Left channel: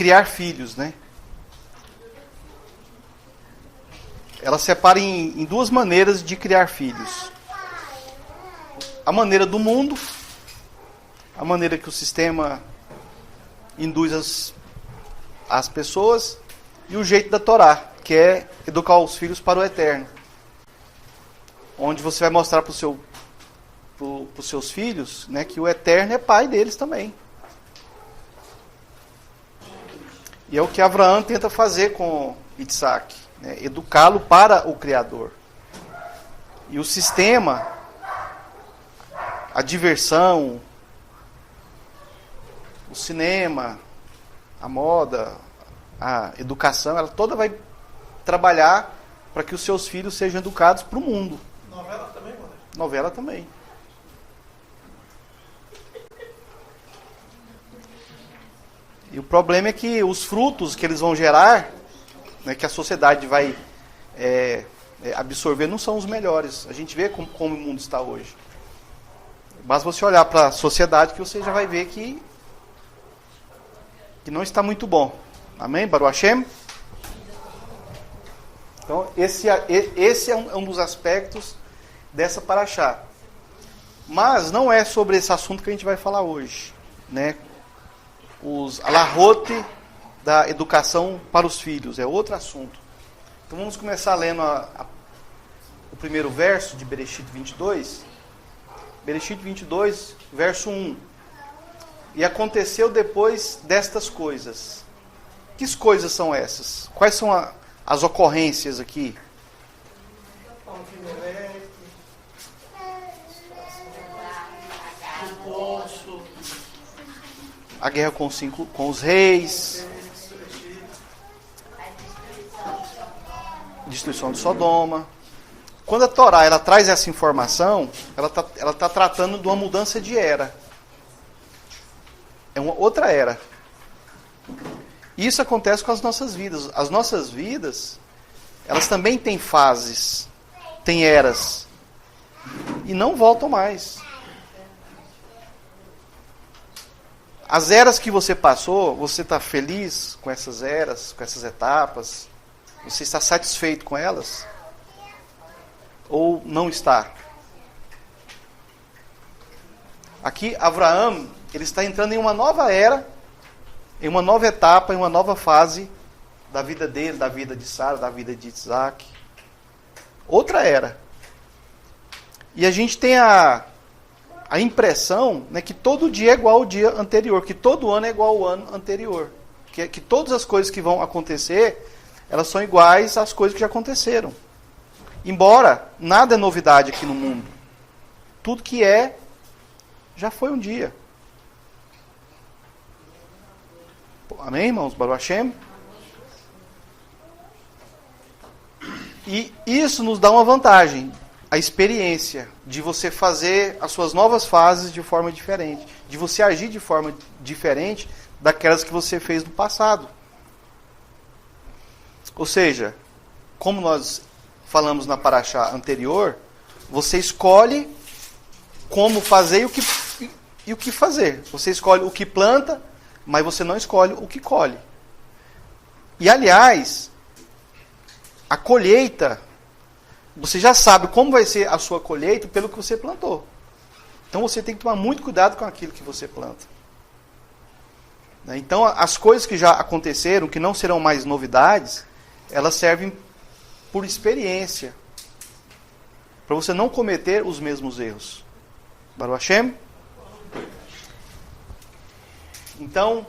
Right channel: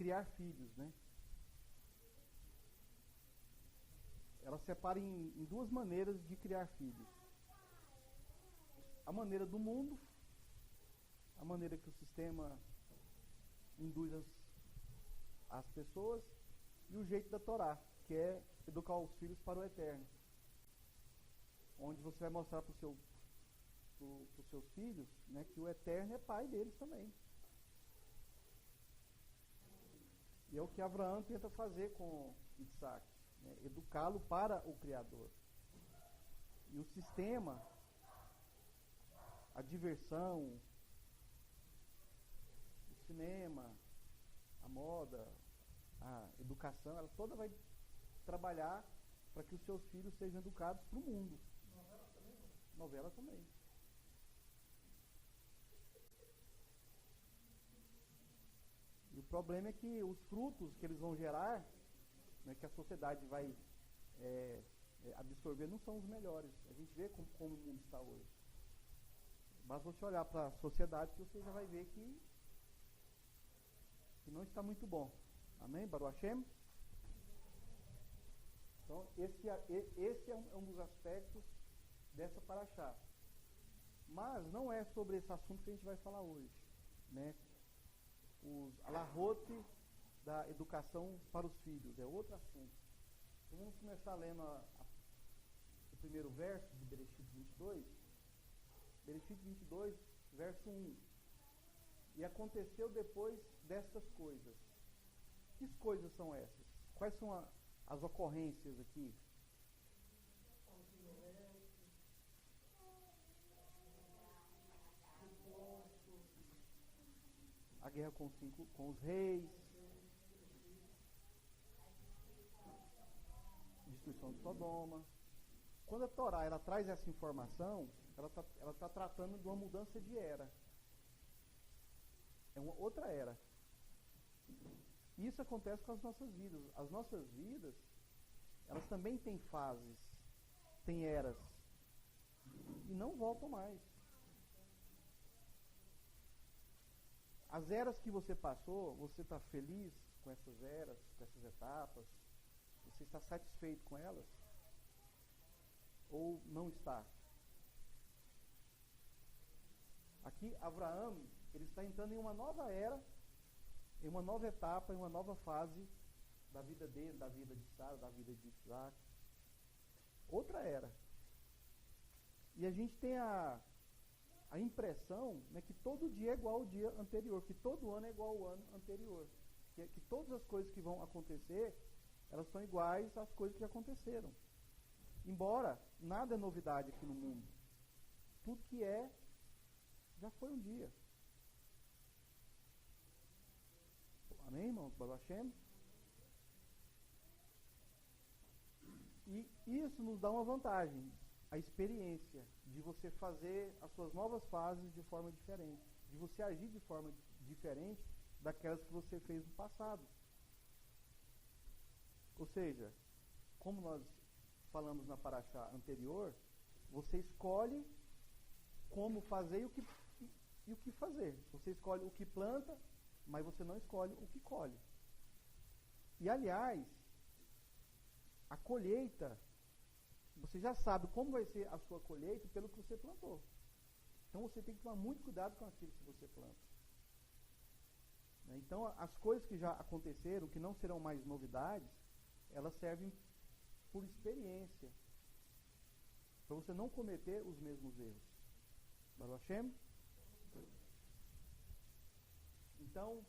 criar filhos, né? Ela separa em duas maneiras de criar filhos. A maneira do mundo, a maneira que o sistema induz as pessoas, e o jeito da Torá, que é educar os filhos para o eterno. Onde você vai mostrar para os seus filhos, né, que o eterno é pai deles também. E é o que Abraão tenta fazer com Isaac, né, educá-lo para o Criador. E o sistema, a diversão, o cinema, a moda, a educação, ela toda vai trabalhar para que os seus filhos sejam educados para o mundo. Novela também, mano? Novela também. E o problema é que os frutos que eles vão gerar, né, que a sociedade vai absorver, não são os melhores. A gente vê como o mundo está hoje. Basta você olhar para a sociedade que você já vai ver que não está muito bom. Amém? Baruch Hashem? Então, esse é um dos aspectos dessa paraxá. Mas não é sobre esse assunto que a gente vai falar hoje, né? Os alahote da educação para os filhos, é outro assunto. Então vamos começar lendo o primeiro verso de Bereshit 22. Bereshit 22, verso 1. E aconteceu depois destas coisas. Que coisas são essas? Quais são as ocorrências aqui? A guerra com os reis, destruição de Sodoma. Quando a Torá ela traz essa informação, ela tá tratando de uma mudança de era. É uma outra era. Isso acontece com as nossas vidas. As nossas vidas, elas também têm fases, têm eras. E não voltam mais. As eras que você passou, você está feliz com essas eras, com essas etapas? Você está satisfeito com elas? Ou não está? Aqui, Abraão, ele está entrando em uma nova era, em uma nova etapa, em uma nova fase da vida dele, da vida de Sara, da vida de Isaac. Outra era. E a gente tem a impressão, né, que todo dia é igual ao dia anterior, que todo ano é igual ao ano anterior. Que todas as coisas que vão acontecer, elas são iguais às coisas que já aconteceram. Embora nada é novidade aqui no mundo. Tudo que já foi um dia. Amém, irmãos? Baruch Hashem? E isso nos dá uma vantagem. A experiência de você fazer as suas novas fases de forma diferente. De você agir de forma diferente daquelas que você fez no passado. Ou seja, como nós falamos na paraxá anterior, você escolhe como fazer e o que fazer. Você escolhe o que planta, mas você não escolhe o que colhe. E, aliás, a colheita, você já sabe como vai ser a sua colheita pelo que você plantou. Então, você tem que tomar muito cuidado com aquilo que você planta. Então, as coisas que já aconteceram, que não serão mais novidades, elas servem por experiência, para você não cometer os mesmos erros. Baruch Hashem? Então,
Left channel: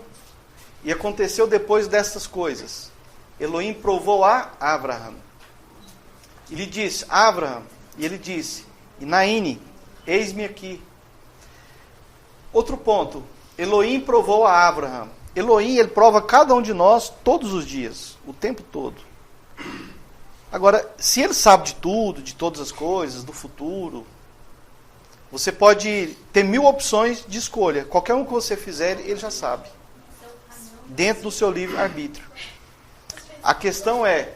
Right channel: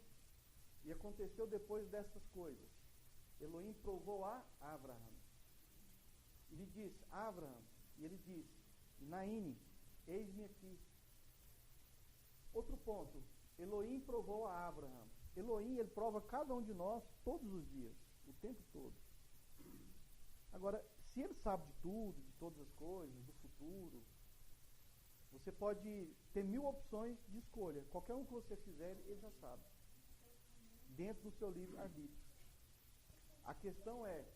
e aconteceu depois destas coisas. Elohim provou a Abraham. Ele disse, Abraham, e ele disse, Inaine, eis-me aqui. Outro ponto, Elohim provou a Abraham. Elohim, ele prova cada um de nós todos os dias, o tempo todo. Agora, se ele sabe de tudo, de todas as coisas, do futuro, você pode ter 1000 opções de escolha. Qualquer um que você fizer, ele já sabe. Dentro do seu livre-arbítrio. A questão é,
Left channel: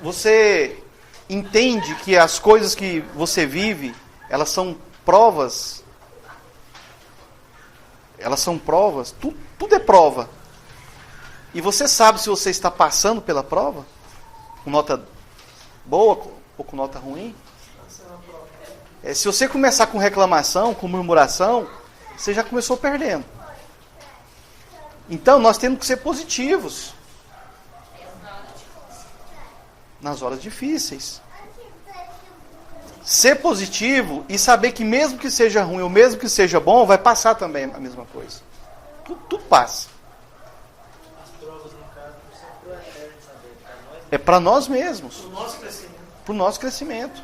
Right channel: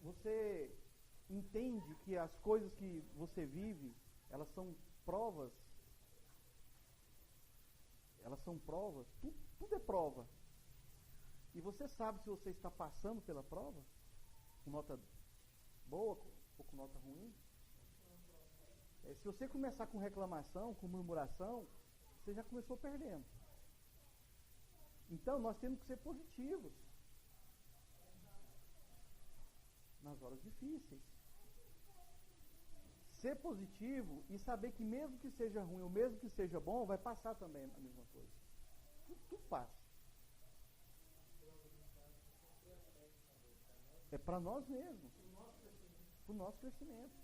você entende que as coisas que você vive, elas são provas elas são provas, tudo é prova. E você sabe se você está passando pela prova, com nota boa ou com nota ruim. Se você começar com reclamação, com murmuração, você já começou perdendo. Então, nós temos que ser positivos nas horas difíceis. Ser positivo e saber que mesmo que seja ruim ou mesmo que seja bom, vai passar também a mesma coisa. Tudo passa. É para nós mesmos. Para o nosso crescimento.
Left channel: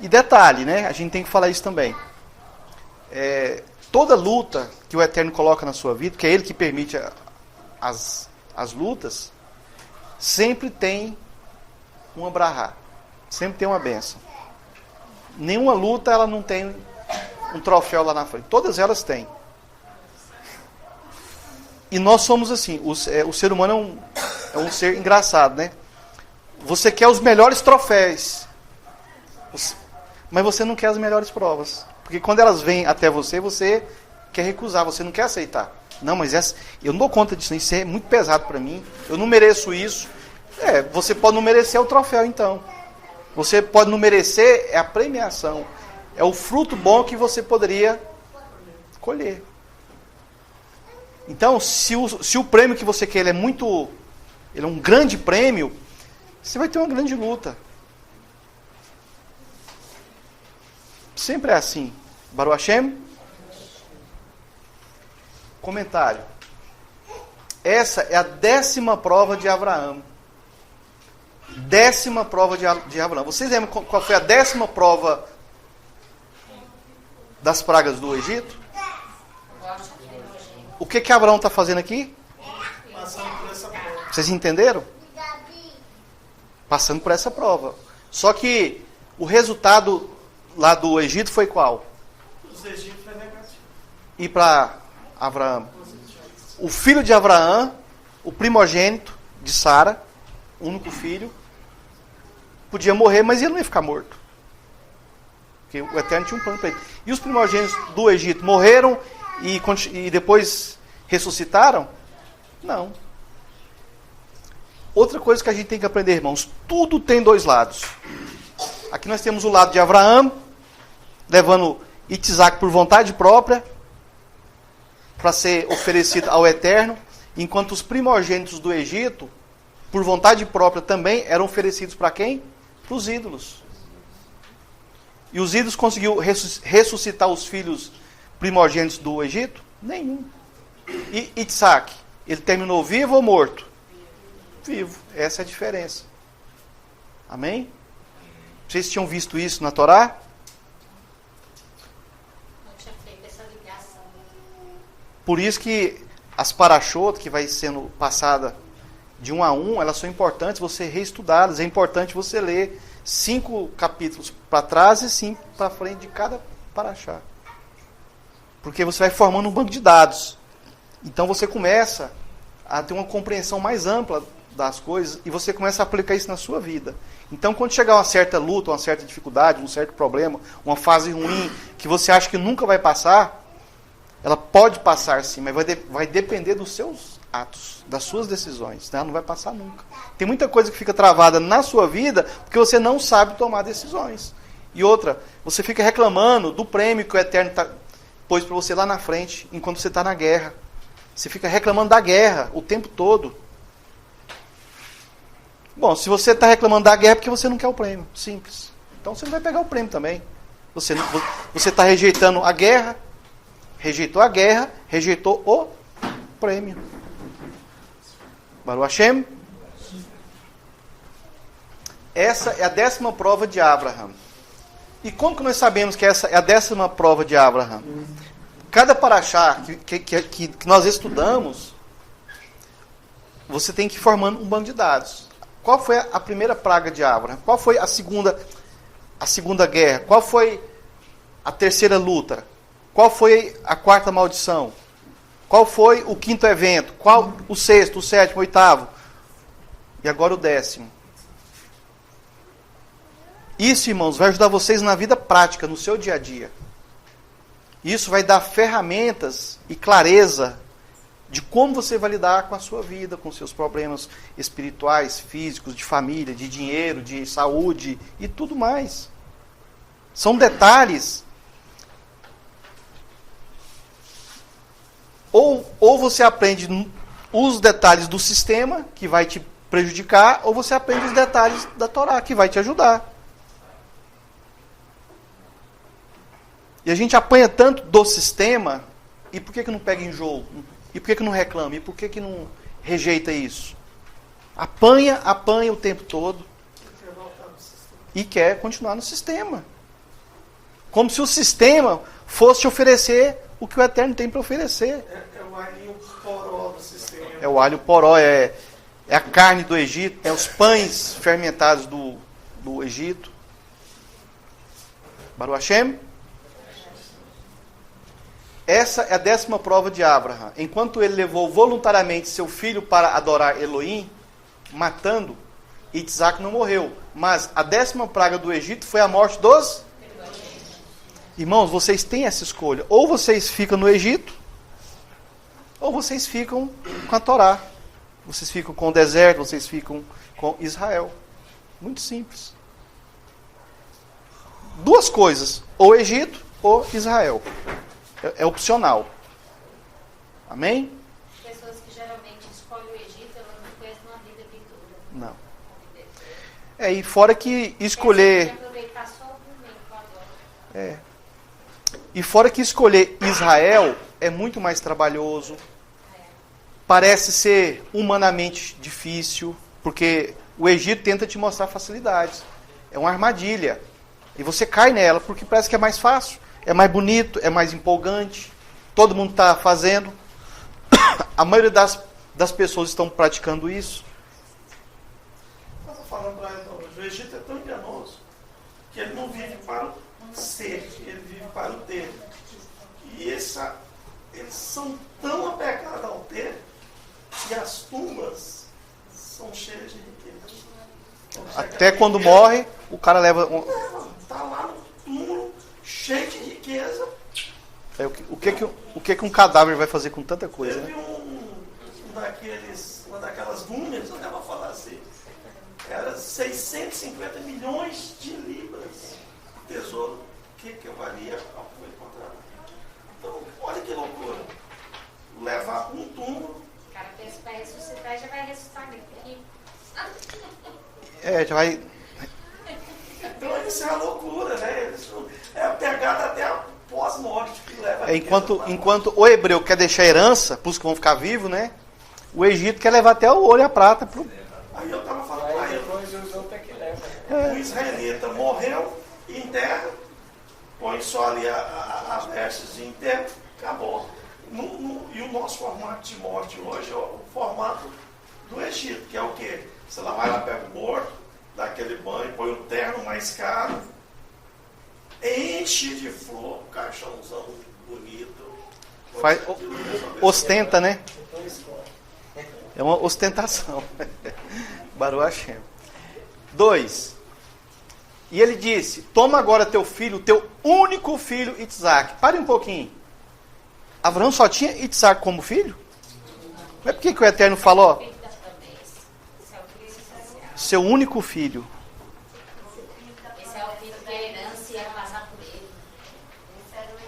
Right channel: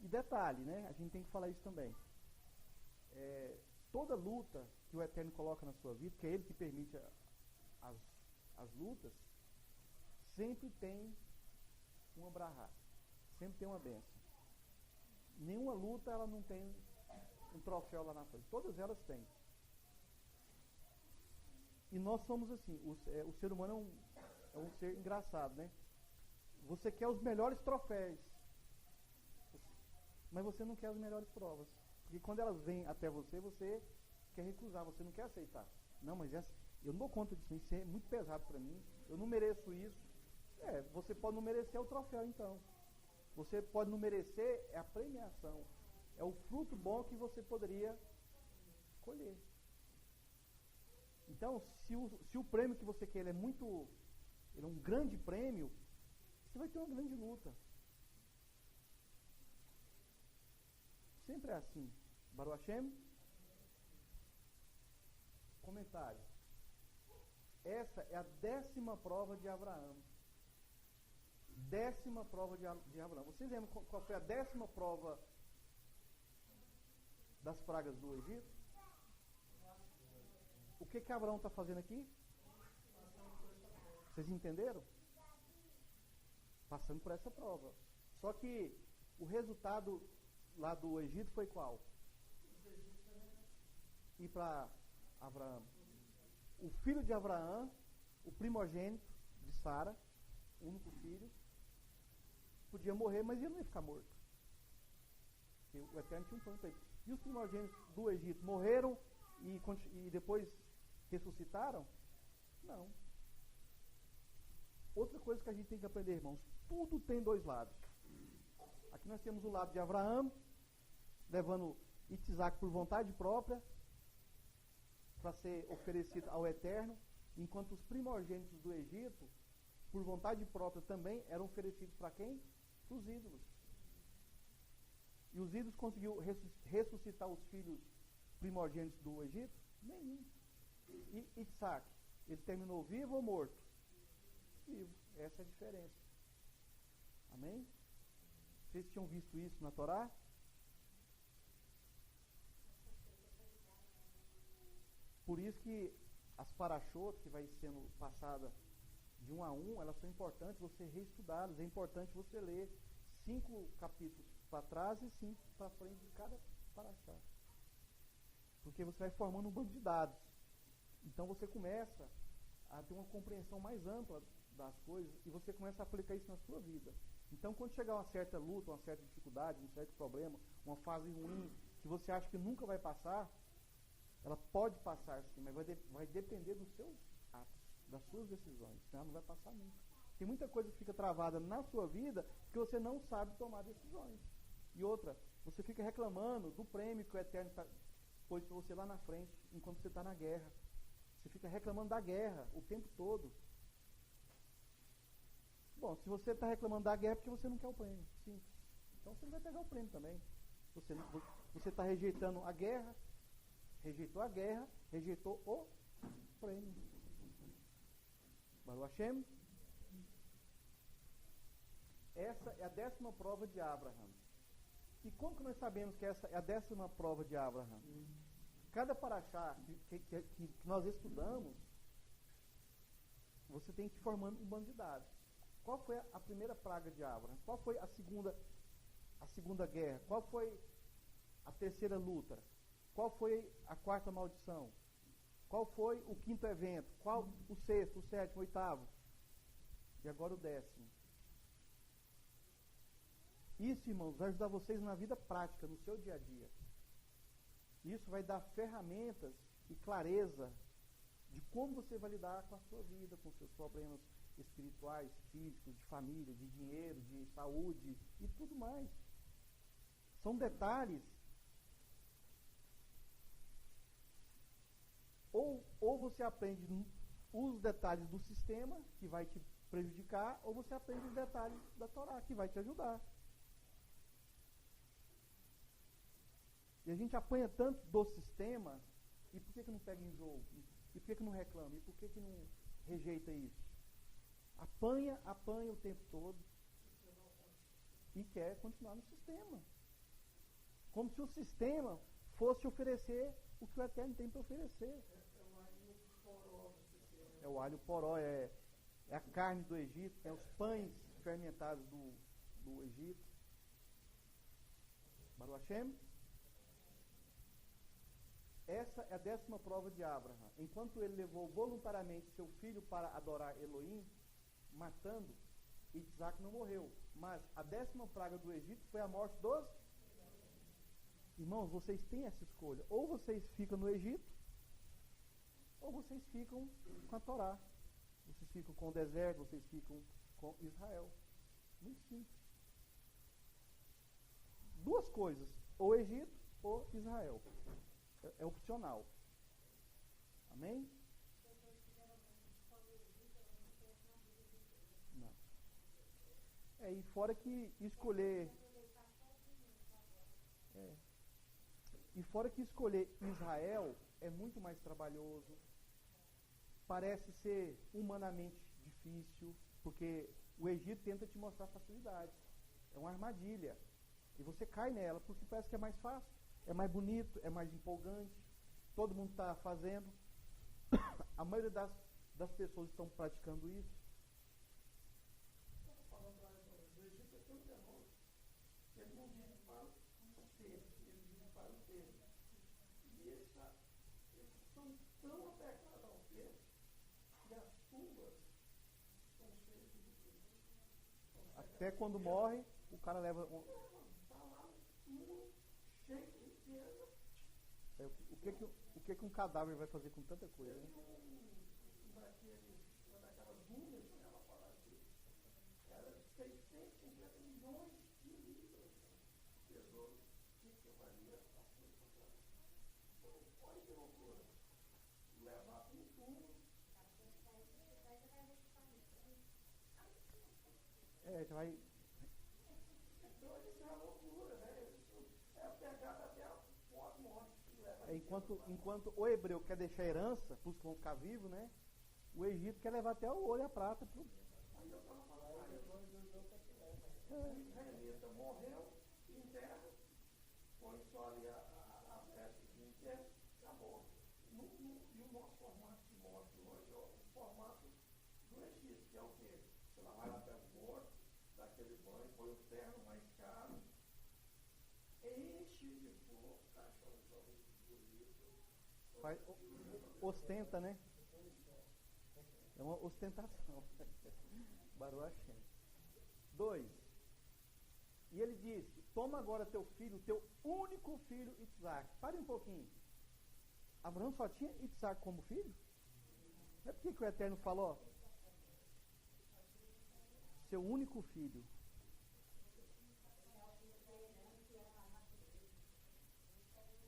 E detalhe, né? A gente tem que falar isso também. Toda luta que o Eterno coloca na sua vida, que é Ele que permite as lutas, sempre tem um abrahá. Sempre tem uma bênção. Nenhuma luta ela não tem um troféu lá na frente. Todas elas têm. E nós somos assim. O ser humano é um ser engraçado, né? Você quer os melhores troféus. Mas você não quer as melhores provas. Porque quando elas vêm até você, você quer recusar, você não quer aceitar. Não, mas eu não dou conta disso, isso é muito pesado para mim, eu não mereço isso. Você pode não merecer o troféu então. Você pode não merecer a premiação. É o fruto bom que você poderia colher. Então, se o prêmio que você quer ele é um grande prêmio, você vai ter uma grande luta. Sempre é assim. Baruch Hashem. Comentário. Essa é a 10ª prova de Abraão. 10ª prova de Abraão. Vocês lembram qual foi a 10ª prova das pragas do Egito? O que Abraão está fazendo aqui? Vocês entenderam? Passando por essa prova. Só que o resultado lá do Egito foi qual? Os egípcios foi negativo. E para Abraão? O filho de Abraão, o primogênito de Sara, o único filho, podia morrer, mas ele não ia ficar morto. Porque o Eterno tinha um plano para ele. E os primogênitos do Egito morreram e depois ressuscitaram? Não. Outra coisa que a gente tem que aprender, irmãos, tudo tem dois lados. Aqui nós temos o lado de Abraão, levando Isaac por vontade própria, para ser oferecido ao Eterno, enquanto os primogênitos do Egito, por vontade própria também, eram oferecidos para quem? Para os ídolos. E os ídolos conseguiu ressuscitar os filhos primogênitos do Egito? Nenhum. E Isaac, ele terminou vivo ou morto? Vivo. Essa é a diferença. Amém? Vocês tinham visto isso na Torá? Por isso que as parashot, que vai sendo passada de um a um, elas são importantes você reestudá-las. É importante você ler 5 capítulos para trás e 5 para frente de cada parashá. Porque você vai formando um banco de dados. Então você começa a ter uma compreensão mais ampla das coisas e você começa a aplicar isso na sua vida. Então quando chegar uma certa luta, uma certa dificuldade, um certo problema, uma fase ruim, que você acha que nunca vai passar, ela pode passar sim, mas vai depender dos seus atos, das suas decisões. Né? Ela não vai passar nunca. Tem muita coisa que fica travada na sua vida porque você não sabe tomar decisões. E outra, você fica reclamando do prêmio que o Eterno pôs para você lá na frente, enquanto você está na guerra. Você fica reclamando da guerra o tempo todo. Bom, se você está reclamando da guerra é porque você não quer o prêmio. Simples. Então você não vai pegar o prêmio também. Você está rejeitando a guerra. Rejeitou a guerra, rejeitou o prêmio. Baruch Hashem. Essa é a 10ª prova de Abraham. E como que nós sabemos que essa é a 10ª prova de Abraham? Cada paraxá que nós estudamos, você tem que ir formando um banco de dados. Qual foi a primeira praga de Abraham? Qual foi a segunda guerra? Qual foi a terceira luta? Qual foi a 4ª maldição? Qual foi o 5º evento? Qual o 6º, o 7º, o 8º? E agora o 10º. Isso, irmãos, vai ajudar vocês na vida prática, no seu dia a dia. Isso vai dar ferramentas e clareza de como você vai lidar com a sua vida, com seus problemas espirituais, físicos, de família, de dinheiro, de saúde e tudo mais. São detalhes. Ou você aprende os detalhes do sistema, que vai te prejudicar, ou você aprende os detalhes da Torá, que vai te ajudar. E a gente apanha tanto do sistema, e por que não pega enjoo? E por que não reclama? E por que não rejeita isso? Apanha o tempo todo. E quer continuar no sistema. Como se o sistema fosse te oferecer o que o Eterno tem para oferecer. É o alho poró do sistema. É o alho poró, é a carne do Egito, é os pães fermentados do Egito. Baruch Hashem. Essa é a 10ª prova de Abraham. Enquanto ele levou voluntariamente seu filho para adorar Elohim, matando, Isaac não morreu. Mas a 10ª praga do Egito foi a morte dos... Irmãos, vocês têm essa escolha. Ou vocês ficam no Egito, ou vocês ficam com a Torá. Vocês ficam com o deserto, vocês ficam com Israel. Muito simples. Duas coisas. Ou Egito, ou Israel. É opcional. Amém? Pessoas que geralmente escolhem o Egito, elas não conhecem uma vida vitória. Não. E fora que escolher... aproveitar só o momento agora. E fora que escolher Israel é muito mais trabalhoso. Parece ser humanamente difícil, porque o Egito tenta te mostrar facilidades. É uma armadilha. E você cai nela, porque parece que é mais fácil. É mais bonito, é mais empolgante. Todo mundo está fazendo. A maioria das pessoas estão praticando isso. Eu estou falando para ele hoje. O Egito é tão enganoso que ele não vive para o ser, ele vive para o ter. E eles são tão apegados ao ter que as tumbas são cheias de riqueza. Até quando morre, o cara leva... Está lá no túmulo, cheio de riqueza. O que um cadáver vai fazer com tanta coisa, Teve né? uma daquelas múmias, eu vou falar assim, era 650 milhões de libras. Tesouro que valia ao que foi encontrado. Então, olha que loucura. Levar um túmulo. O cara pensa que vai ressuscitar e já vai ressuscitar aqui. Já vai... Então, isso é uma loucura, né? Isso é a pegada até a pós-morte que leva a Enquanto o hebreu quer deixar herança para os que vão ficar vivos, né? O Egito quer levar até o ouro e a prata. Aí eu estava falando para ele. O israelita morreu, enterra, põe só ali as vestes de enterro, acabou. E o nosso formato de morte hoje é o formato do Egito, que é o quê? Você lá vai lá, pega o morto, dá aquele banho, põe o terno mais caro, enche de flor, caixãozão bonito. Ostenta, né? É uma ostentação. Baruch Hashem. 2. E ele disse: toma agora teu filho, teu único filho, Isaac. Pare um pouquinho. Abraão só tinha Isaac como filho? Mas por que o Eterno falou? Seu único filho. Esse é o filho da herança e ia passar por ele. Esse era o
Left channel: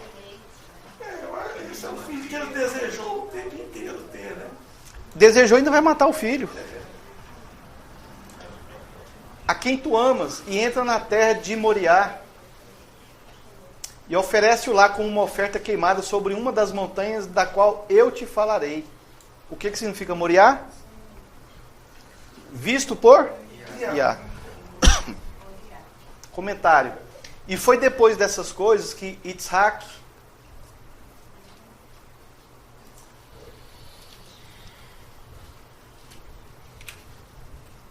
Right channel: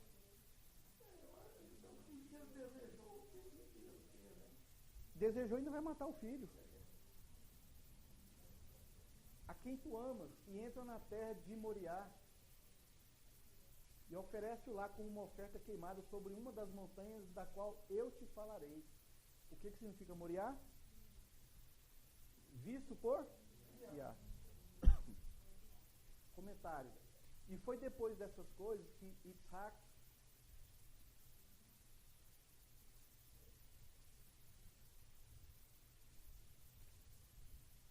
eleito. Esse é o filho que ele desejou o tempo inteiro ter, né? Desejou e ainda vai matar o filho. A quem tu amas, e entra na terra de Moriá, e oferece-o lá como uma oferta queimada sobre uma das montanhas da qual eu te falarei. O que significa Moriá? Visto por Iá. Comentário. E foi depois dessas coisas que Isaac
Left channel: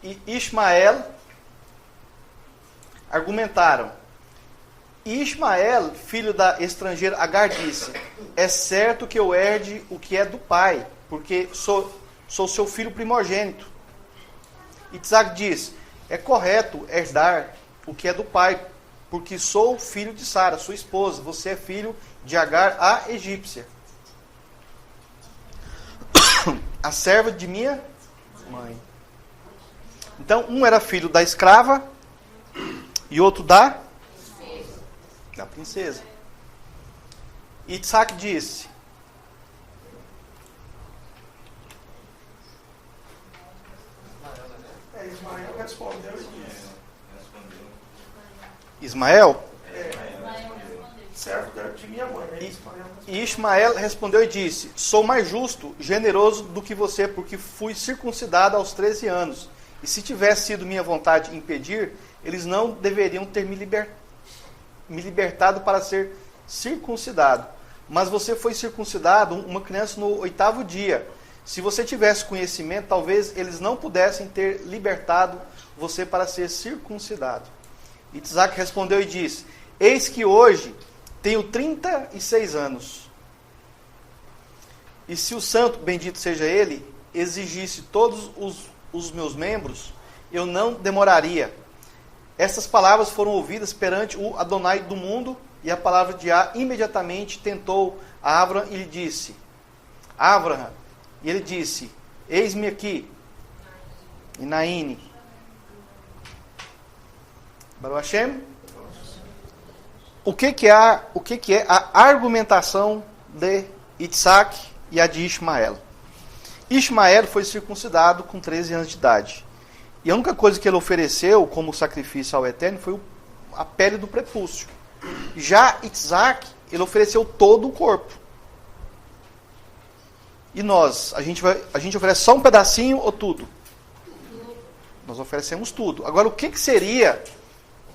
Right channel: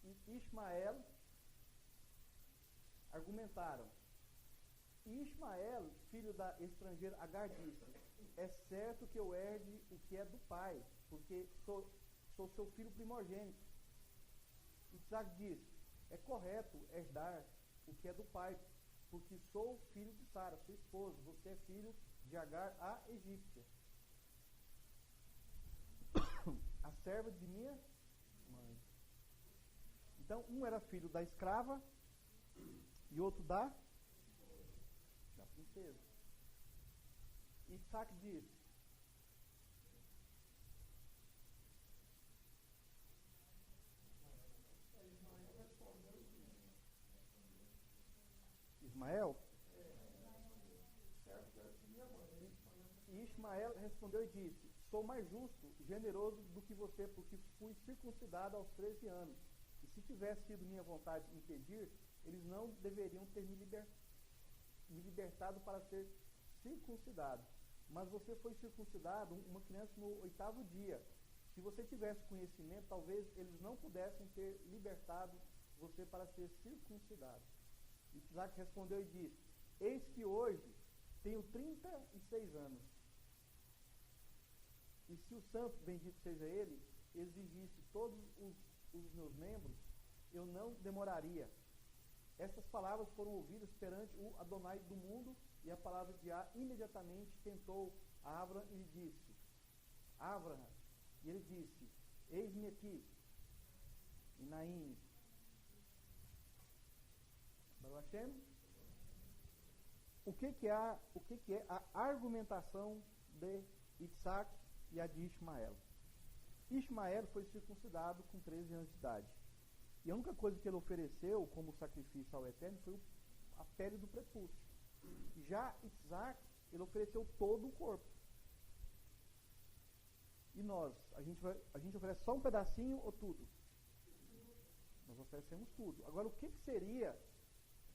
e Ismael argumentaram. E Ismael, filho da estrangeira Agar, disse: é certo que eu herde o que é do pai, porque sou seu filho primogênito. Isaac diz: é correto herdar o que é do pai, porque sou filho de Sara, sua esposa, você é filho de Agar, a egípcia, a serva de minha mãe. Então, um era filho da escrava e outro da princesa. E Isaac disse: Ismael respondeu e disse. Ismael? Servo de minha mãe. E Ismael respondeu e disse: sou mais justo, generoso do que você, porque fui circuncidado aos 13 anos. E se tivesse sido minha vontade impedir, eles não deveriam ter me libertado para ser circuncidado. Mas você foi circuncidado, uma criança, no 8º dia. Se você tivesse conhecimento, talvez eles não pudessem ter libertado você para ser circuncidado. E Isaac respondeu e disse: eis que hoje tenho 36 anos. E se o santo, bendito seja ele, exigisse todos os meus membros, eu não demoraria. Essas palavras foram ouvidas perante o Adonai do mundo, e a palavra de Yah imediatamente tentou a Abraham e lhe disse: Abraham, e ele disse: eis-me aqui. E Naíne. Baruch Hashem. O que é a argumentação de Isaac e a de Ismael? Ismael foi circuncidado com 13 anos de idade. E a única coisa que ele ofereceu como sacrifício ao Eterno foi a pele do prepúcio. Já Isaac, ele ofereceu todo o corpo. E nós, a gente oferece só um pedacinho ou tudo? Nós oferecemos tudo. Agora, o que seria,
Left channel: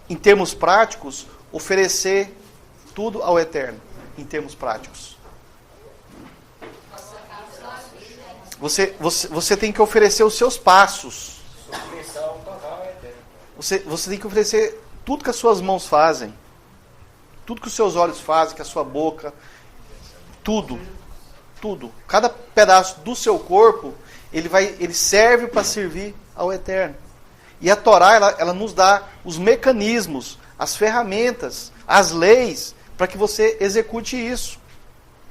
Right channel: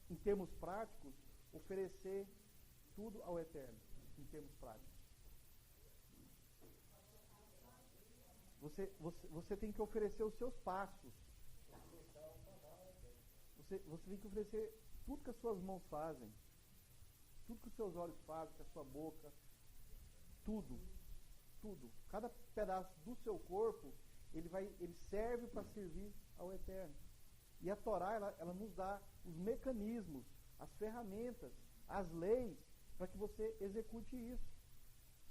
em termos práticos, oferecer tudo ao Eterno, em termos práticos? Você tem que oferecer os seus passos. Você tem que oferecer tudo que as suas mãos fazem, tudo que os seus olhos fazem, que a sua boca, tudo. Cada pedaço do seu corpo, ele serve para servir ao Eterno. E a Torá, ela nos dá os mecanismos, as ferramentas, as leis, para que você execute isso.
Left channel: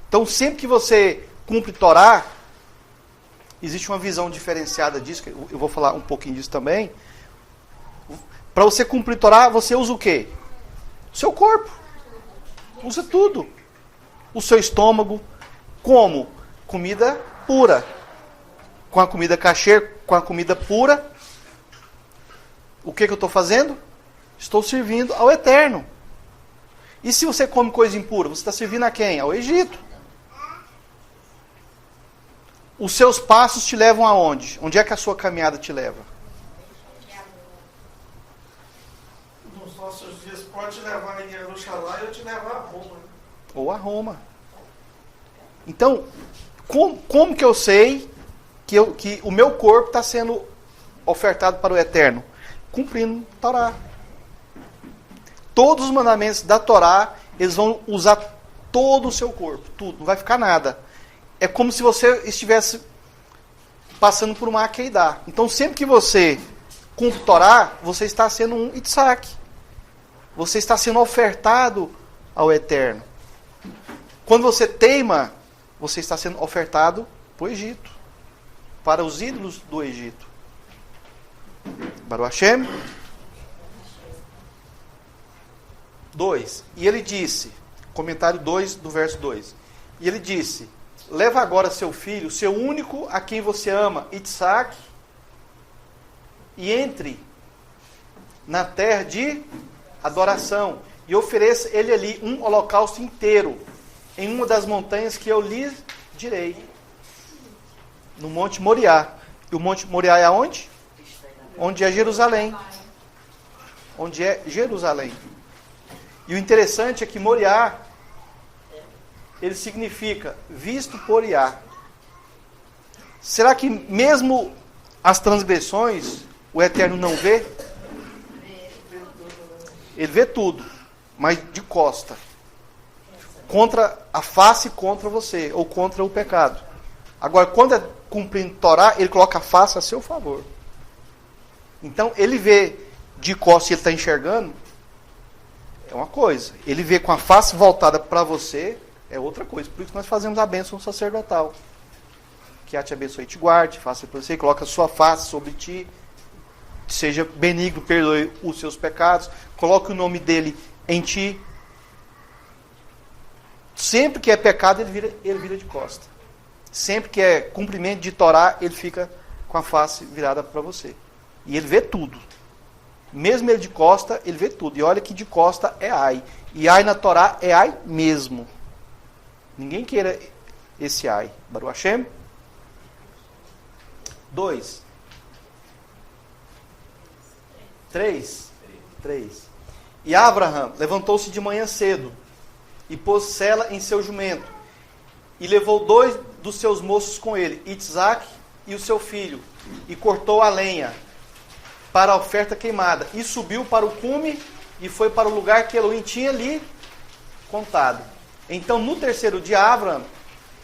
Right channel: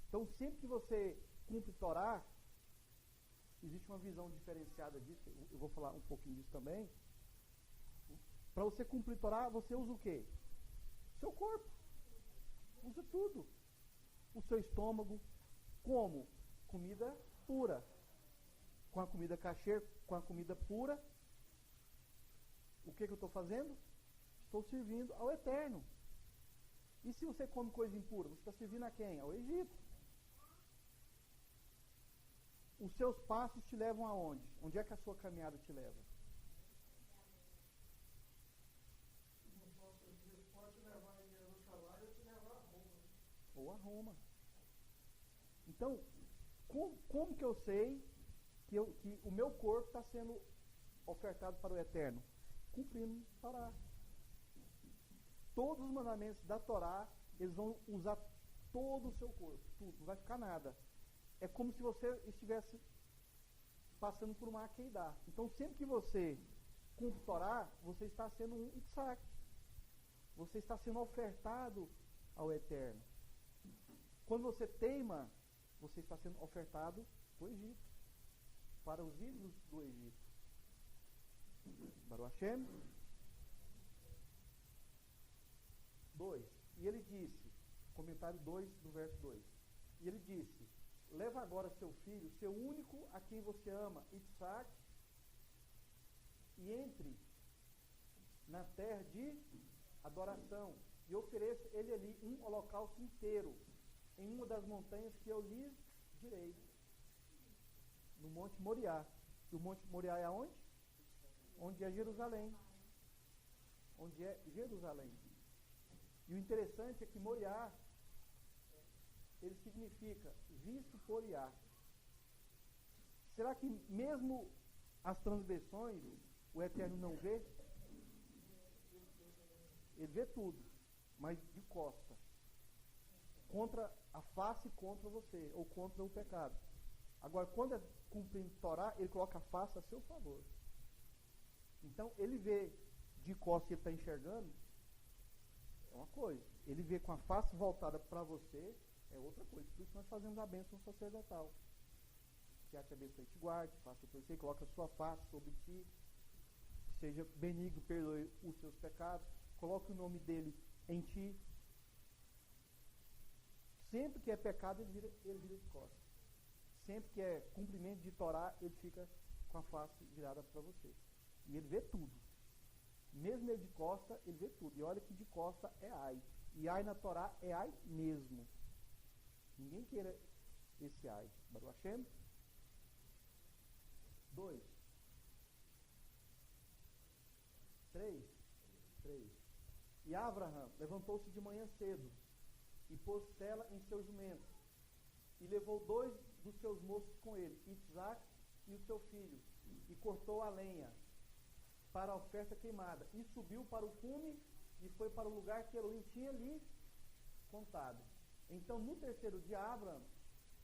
Então, sempre que você cumpre Torá, existe uma visão diferenciada disso, que eu vou falar um pouquinho disso também. Para você cumprir Torá, você usa o quê? O seu corpo. Usa tudo. O seu estômago. Como? Comida pura. Com a comida kasher, com a comida pura. O que eu estou fazendo? Estou servindo ao Eterno. E se você come coisa impura, você está servindo a quem? Ao Egito. Os seus passos te levam aonde? Onde é que a sua caminhada te leva? Nos nossos dias pode te levar em Jerusalém ou te levar a Roma. Ou a Roma. Então, como que eu sei que o meu corpo está sendo ofertado para o Eterno? Cumprindo a Torá. Todos os mandamentos da Torá, eles vão usar todo o seu corpo, tudo, não vai ficar nada. É como se você estivesse passando por uma Akeidá. Então, sempre que você cumpre Torá, você está sendo um Isaac. Você está sendo ofertado ao Eterno. Quando você teima, você está sendo ofertado para o Egito, para os ídolos do Egito. Baruch Hashem. 2. E ele disse, comentário 2 do verso 2. E ele disse: leva agora seu filho, seu único, a quem você ama, Isaac, e entre na terra de adoração, e ofereça ele ali um holocausto inteiro, em uma das montanhas que eu lhe direi, no Monte Moriá. E o Monte Moriá é aonde? Onde é Jerusalém. Onde é Jerusalém. E o interessante é que Moriá, ele significa visto por Iá. Será que mesmo as transgressões o Eterno não vê? Ele vê tudo, mas de costa. Contra a face contra você, ou contra o pecado. Agora, quando é cumprindo Torá, ele coloca a face a seu favor. Então, ele vê de costa e ele está enxergando, é uma coisa. Ele vê com a face voltada para você, É outra coisa. Por isso que nós fazemos a bênção sacerdotal. Que a te abençoe e te guarde, faça por você, coloque a sua face sobre ti, seja benigno, perdoe os seus pecados, coloque o nome dele em ti. Sempre que é pecado, ele vira de costa. Sempre que é cumprimento de Torá, ele fica com a face virada para você. E ele vê tudo. Mesmo ele de costa, ele vê tudo. E olha que de costa é ai. E ai na Torá é ai mesmo. Ninguém queira esse ai. Baruch Hashem. 2. 3. E Abraham levantou-se de manhã cedo e pôs Sela em seu jumento e levou 2 dos seus moços com ele, Itzaque e o seu filho, e cortou a lenha para a oferta queimada e subiu para o cume e foi para o lugar que Elohim tinha lhe contado. Então no terceiro dia Abraham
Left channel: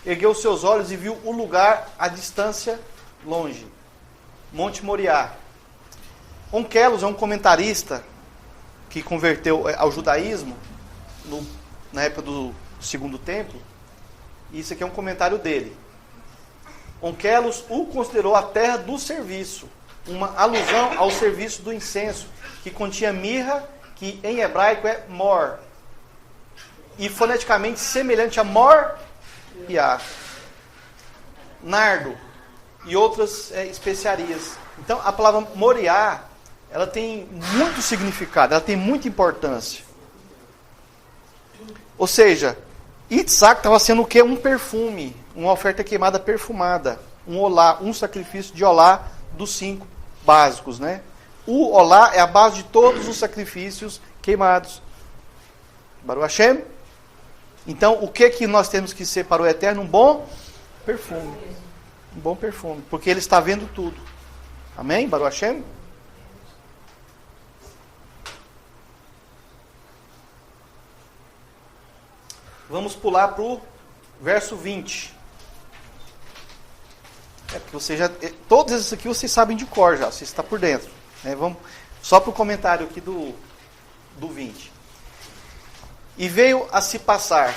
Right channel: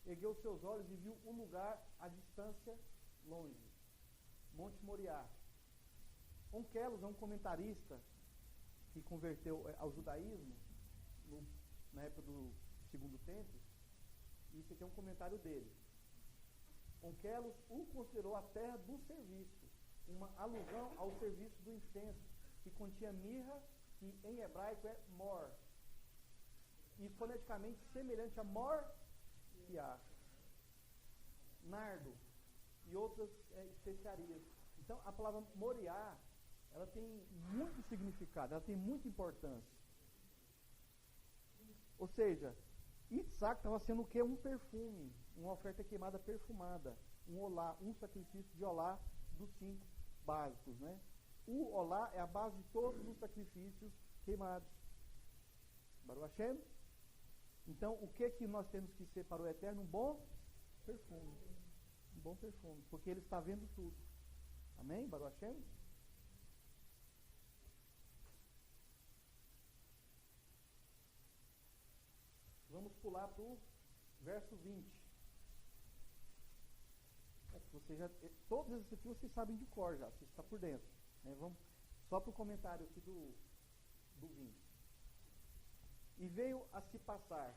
ergueu seus olhos e viu o lugar à distância longe, Monte Moriá. Onkelos é um comentarista que converteu ao judaísmo na época do Segundo Templo. E isso aqui é um comentário dele. Onkelos o considerou a terra do serviço, uma alusão ao serviço do incenso, que continha mirra, que em hebraico é mor, e foneticamente semelhante a mor e a nardo e outras especiarias. Então, a palavra Moriá, ela tem muito significado, ela tem muita importância. Ou seja, Itzaque estava sendo o quê? Um perfume, uma oferta queimada perfumada, um olá, um sacrifício de olá dos 5 básicos, né? O olá é a base de todos os sacrifícios queimados. Baruch Hashem. Então, o que nós temos que ser para o Eterno? Um bom perfume. Um bom perfume, porque Ele está vendo tudo. Amém? Baruch Hashem? Vamos pular para o verso 20. Porque você já, todos esses aqui vocês sabem de cor já, você está por dentro. Né? Vamos só para o comentário aqui do 20. E veio a se passar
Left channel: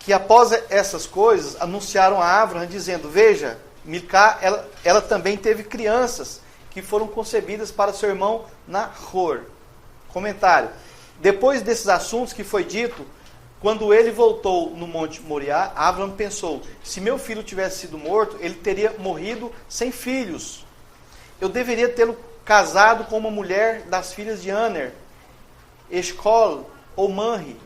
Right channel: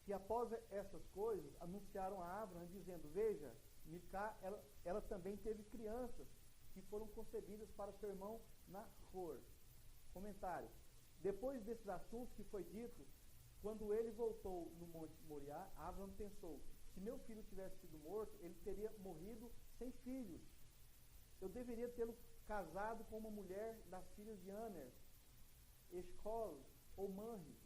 que após essas coisas anunciaram a Abraham dizendo: veja, Milcá, ela também teve crianças que foram concebidas para seu irmão Nahor. Comentário. Depois desses assuntos que foi dito, quando ele voltou no Monte Moriá, Abraham pensou: se meu filho tivesse sido morto, ele teria morrido sem filhos. Eu deveria tê-lo casado com uma mulher das filhas de Aner, Escol ou Manri.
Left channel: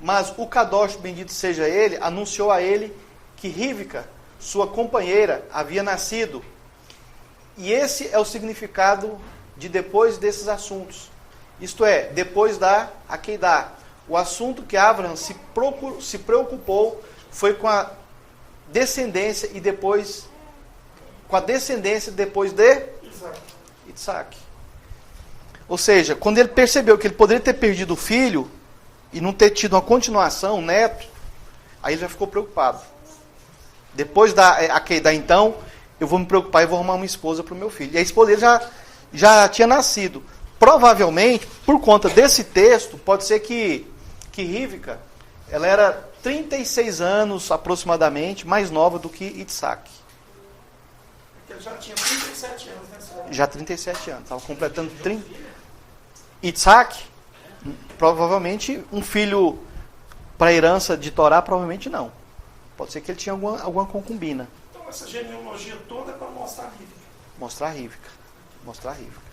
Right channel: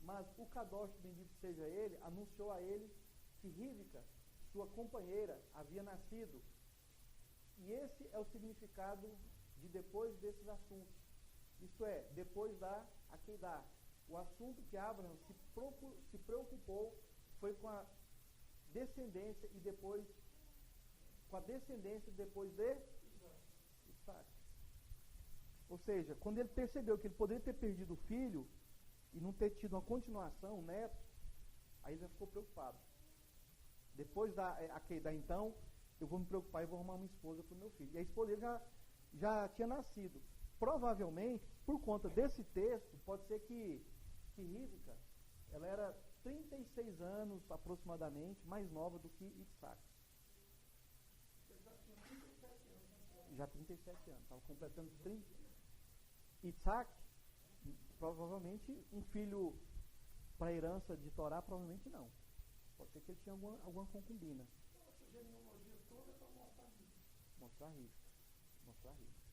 Mas o Kadosh, bendito seja ele, anunciou a ele que Rivca, sua companheira, havia nascido. E esse é o significado de depois desses assuntos. Isto é, depois da Akeidá. O assunto que Abraham se preocupou foi com a descendência e depois com a descendência depois de Itzaque. Ou seja, quando ele percebeu que ele poderia ter perdido o filho e não ter tido uma continuação, um neto, aí ele já ficou preocupado. Depois da Akeidá, então, eu vou me preocupar e vou arrumar uma esposa para o meu filho. E a esposa dele já tinha nascido. Provavelmente, por conta desse texto, pode ser que Rivca, ela era 36 anos aproximadamente, mais nova do que Itzaque. Ele já tinha 37 anos, né? Já 37 anos, estava completando 30. Itzaque, provavelmente, um filho para herança de Torá, provavelmente não. Pode ser que ele tinha alguma concubina. Então, essa genealogia toda é para mostrar Rivca. Mostrar Rivca.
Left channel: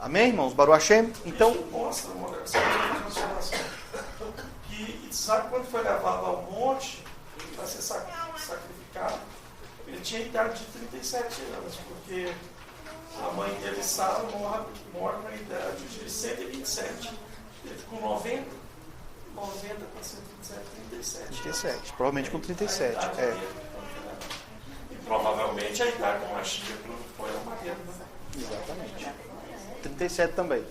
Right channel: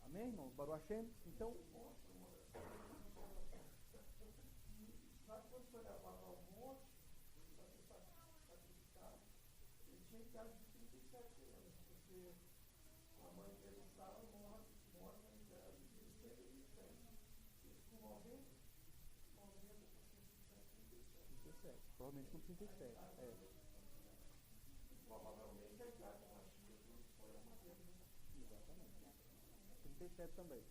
Amém, irmãos? Baruch Hashem? Então, isso mostra uma observação que Isaac, quando foi levado ao monte para ser sacrificado, ele tinha idade de 37 anos, porque a mãe dele, Sara, morre na idade de 127. Ele ficou 90 para 127, 37. 37, provavelmente com 37. E provavelmente a idade do Mashiach foi a Maria. Exatamente. 37 também.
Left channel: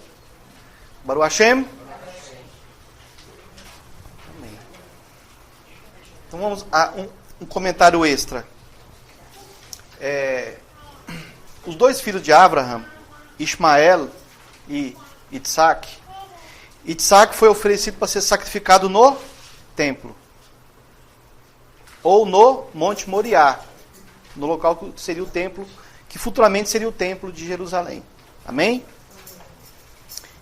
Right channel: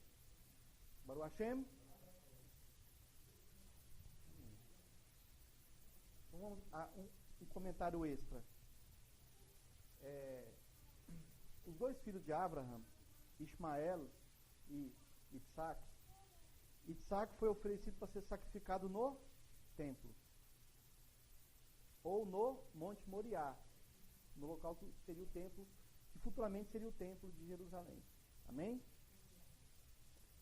Baruch Hashem. Amém. Então vamos a um comentário extra. Os 2 filhos de Abraham, Ismael e Itzaque, Isaac foi oferecido para ser sacrificado no templo. Ou no Monte Moriá, no local que seria o templo, que futuramente seria o templo de Jerusalém. Amém?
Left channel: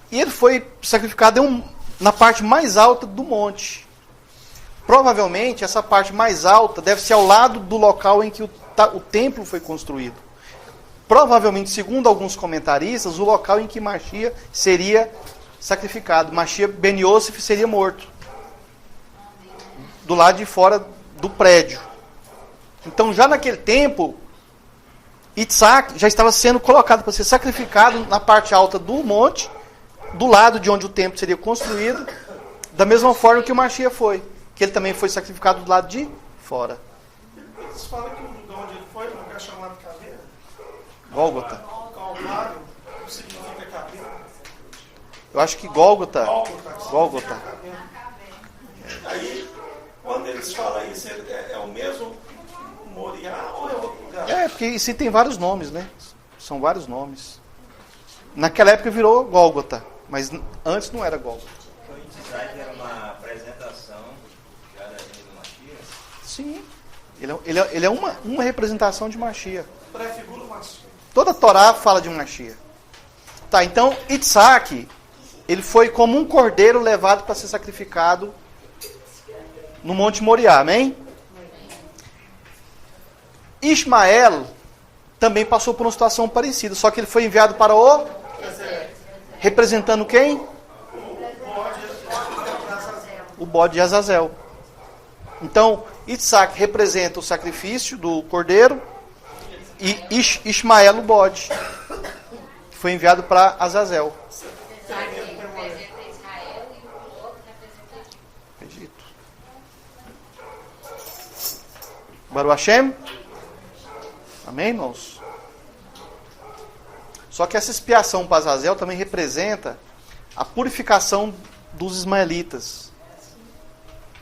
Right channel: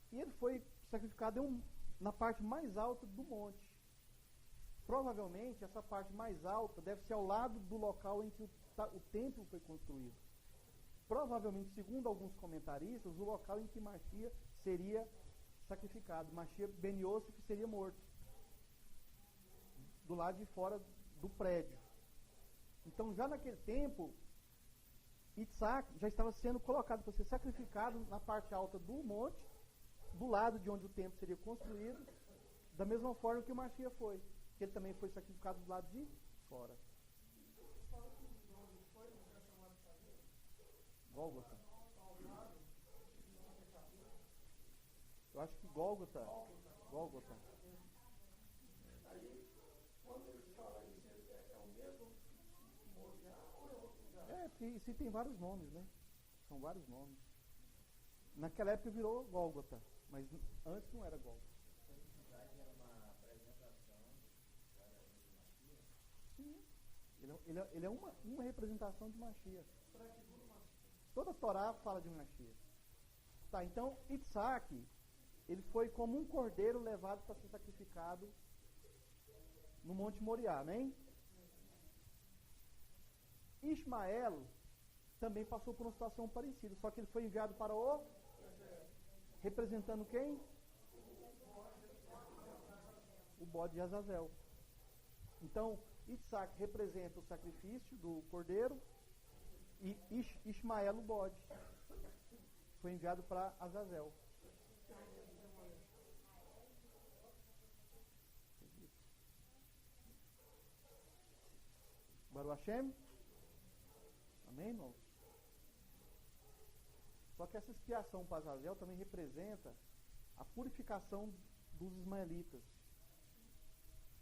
E ele foi sacrificado na parte mais alta do monte. Provavelmente, essa parte mais alta deve ser ao lado do local em que o templo foi construído. Provavelmente, segundo alguns comentaristas, o local em que Machia seria sacrificado. Machia ben Yosef seria morto. Do lado de fora do prédio. Então, já naquele tempo, Isaac já estava sendo colocado para ser sacrificado na parte alta do monte, do lado de onde o templo seria construído, da mesma forma que o Machia foi, que ele também foi sacrificado do lado de fora. Eles falam que o lugar onde ele foi, um lugar chamado Caveira. Gólgota. Calvário, não significa caveira. Eu acho que Gólgota. Gólgota. Aí, quando eles falam isso, é o mesmo Moriá ou é outro lugar? É, porque isso tem vários nomes, né? São vários nomes. Naquela época virou Gólgota, mas antes não era Gólgota. Então, Isaac era uma apresentação já da gente do Machia? Sim. Ele é uma representação de Machia. Prefigura o Machia. Toda a Torá fala de Machia. Tá, então Isaac, ele foi como um cordeiro levado para ser sacrificado no Monte Moriá, amém? Ismael também passou por uma situação parecida, só que ele foi enviado para o... Representando quem? O bode de Azazel. Então, Isaac representa o sacrifício do cordeiro e Ismael o bode, que foi enviado para Azazel. Isaac representa Israel e o outro representa Egito. Baruch Hashem? Amém, irmãos? Só que essa expiação para Azazel também representa a purificação dos ismaelitas.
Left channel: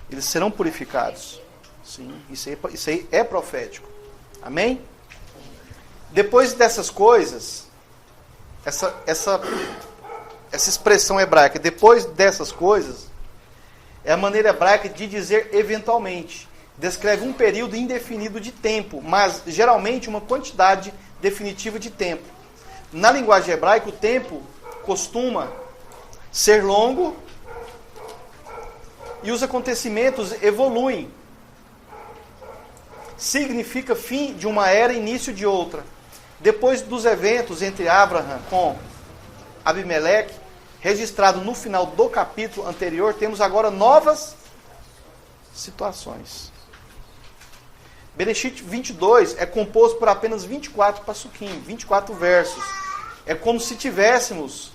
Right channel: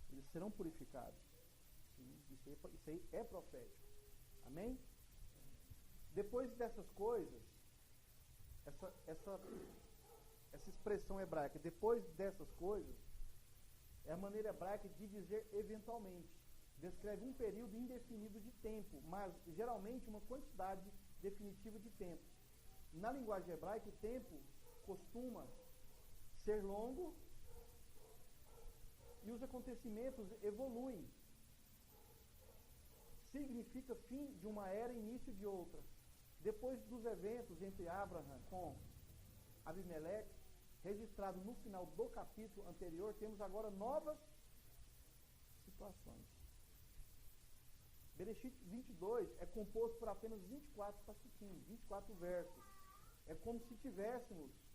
Eles serão purificados. Sim, isso aí é profético. Amém? Depois dessas coisas, essa expressão hebraica, depois dessas coisas, é a maneira hebraica de dizer eventualmente. Descreve um período indefinido de tempo, mas geralmente uma quantidade definitiva de tempo. Na linguagem hebraica, o tempo costuma ser longo e os acontecimentos evoluem. Significa fim de uma era e início de outra. Depois dos eventos entre Abraham com Abimeleque, registrado no final do capítulo anterior, temos agora novas situações. Bereshit 22 é composto por apenas 24 passuquim, 24 versos. É como se tivéssemos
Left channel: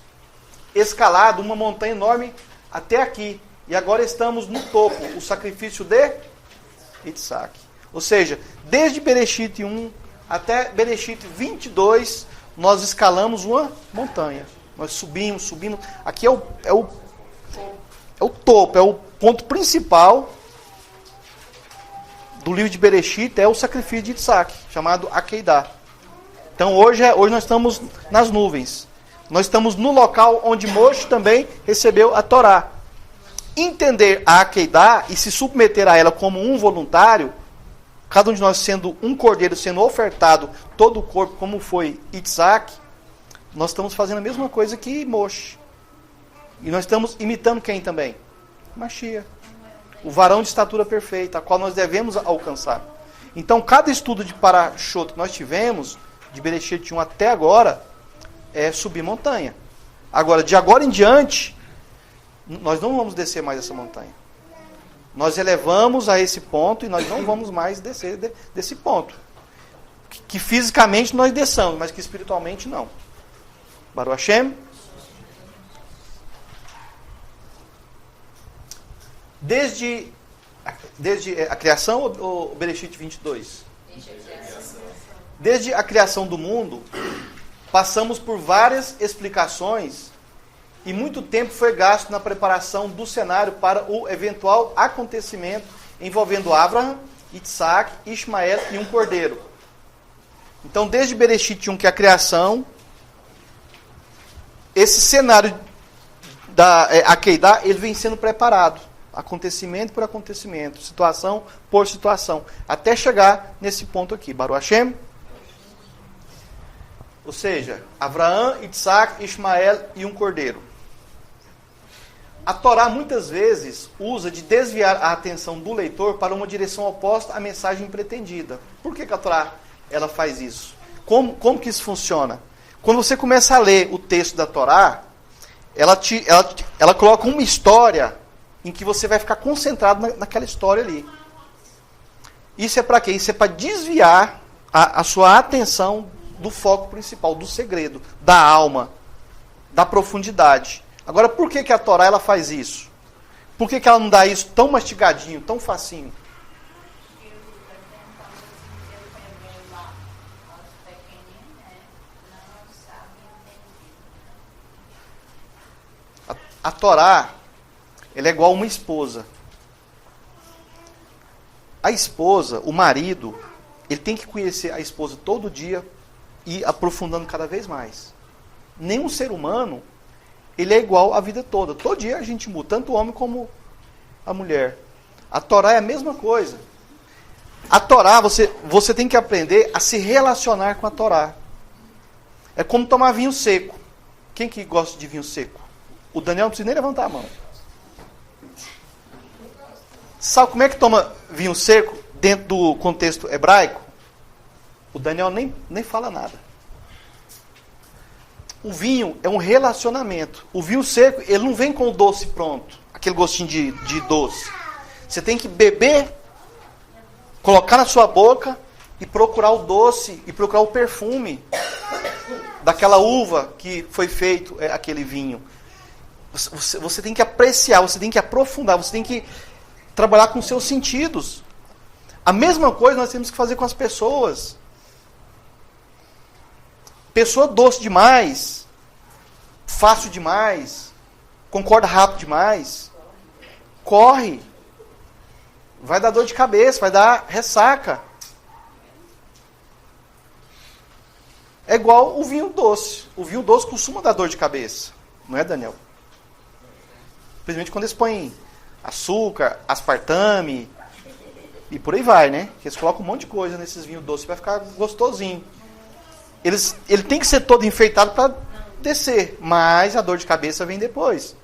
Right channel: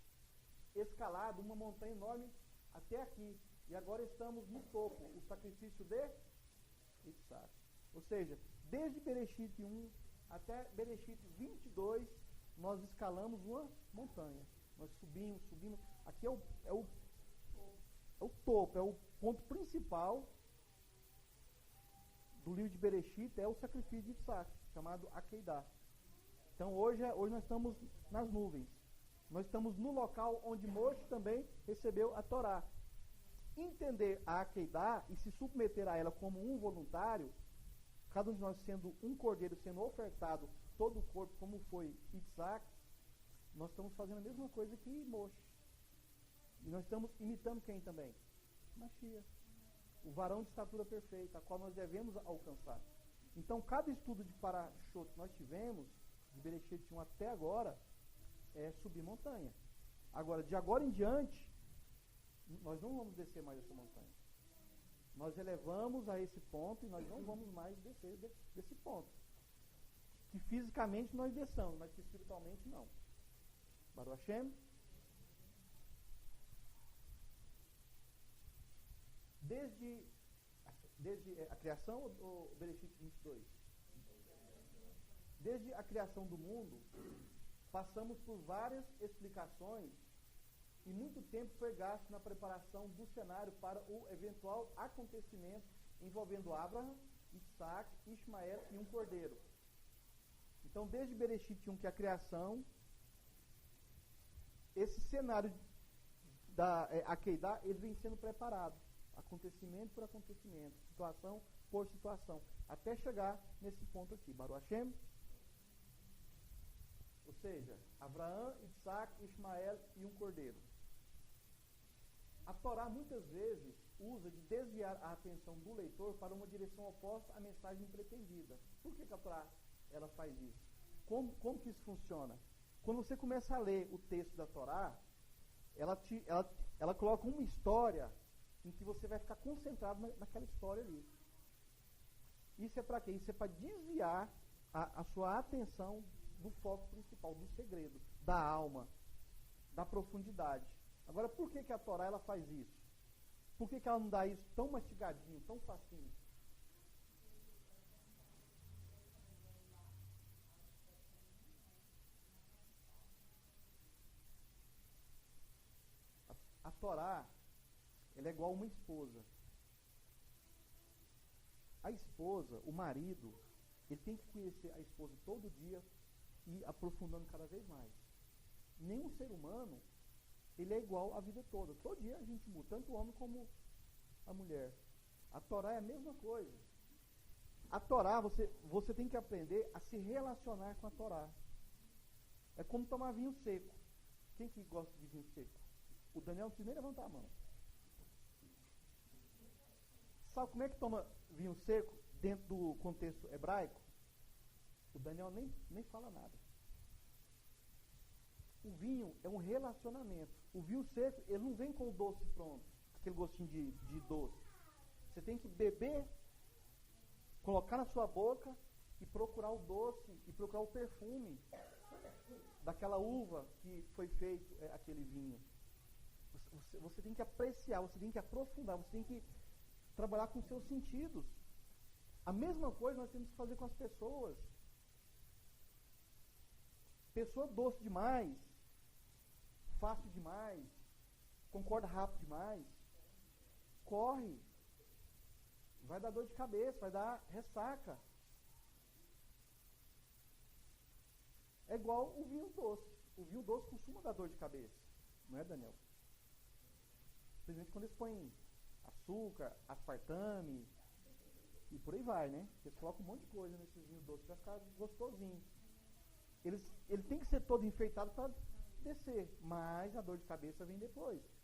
escalado uma montanha enorme até aqui. E agora estamos no topo, o sacrifício de Isaac. Ou seja, desde Bereshit 1 até Bereshit 22, nós escalamos uma montanha. Nós subimos. Aqui é o topo, é o ponto principal do livro de Bereshit, é o sacrifício de Isaac, chamado Akedah. Então hoje nós estamos nas nuvens. Nós estamos no local onde Moshe também recebeu a Torá. Entender a Akedah e se submeter a ela como um voluntário, cada um de nós sendo um cordeiro, sendo ofertado todo o corpo, como foi Isaac, nós estamos fazendo a mesma coisa que Moshe. E nós estamos imitando quem também? Machia. O varão de estatura perfeita, a qual nós devemos alcançar. Então, cada estudo de Parashot que nós tivemos, de Bereshit 1 até agora, é subir montanha. Agora, de agora em diante, nós não vamos descer mais essa montanha. Nós elevamos a esse ponto e nós não vamos mais descer desse ponto. Que fisicamente nós desçamos, mas que espiritualmente não. Baruch Hashem. Desde a criação ou Bereshit 22? Desde a criação do mundo, passamos por várias explicações e muito tempo foi gasto na preparação do cenário para o eventual acontecimento envolvendo Abraham, Isaac, Ismael e um cordeiro. Então, desde Bereshit 1, que é a criação, esse cenário Akedah, ele vem sendo preparado. Acontecimento por acontecimento, situação por situação, até chegar nesse ponto aqui. Baruch Hashem. Ou seja, Abraão, Isaac, Ismael e um cordeiro. A Torá muitas vezes usa de desviar a atenção do leitor para uma direção oposta à mensagem pretendida. Por que a Torá ela faz isso? Como que isso funciona? Quando você começa a ler o texto da Torá, ela coloca uma história em que você vai ficar concentrado naquela história ali. Isso é para quê? Isso é para desviar a sua atenção do foco principal, do segredo, da alma, da profundidade. Agora, por que a Torá ela faz isso? Por que ela não dá isso tão mastigadinho, tão facinho? A Torá, ela é igual uma esposa. A esposa, o marido, ele tem que conhecer a esposa todo dia e aprofundando cada vez mais. Nenhum ser humano, ele é igual a vida toda. Todo dia a gente muda, tanto o homem como a mulher. A Torá é a mesma coisa. A Torá, você tem que aprender a se relacionar com a Torá. É como tomar vinho seco. Quem que gosta de vinho seco? O Daniel não precisa nem levantar a mão. Sabe como é que toma vinho seco dentro do contexto hebraico? O Daniel nem fala nada. O vinho é um relacionamento. O vinho seco, ele não vem com o doce pronto. Aquele gostinho de doce. Você tem que beber, colocar na sua boca e procurar o doce e procurar o perfume daquela uva que foi feito aquele vinho. Você tem que apreciar, você tem que aprofundar, você tem que trabalhar com seus sentidos. A mesma coisa nós temos que fazer com as pessoas. Pessoa doce demais, fácil demais, concorda rápido demais, corre, vai dar dor de cabeça, vai dar ressaca. É igual o vinho doce. O vinho doce costuma dar dor de cabeça, não é, Daniel? Principalmente quando eles põem açúcar, aspartame e por aí vai, né? Eles colocam um monte de coisa nesses vinhos doces para ficar gostosinho. Ele tem que ser todo enfeitado para descer, mas a dor de cabeça vem depois.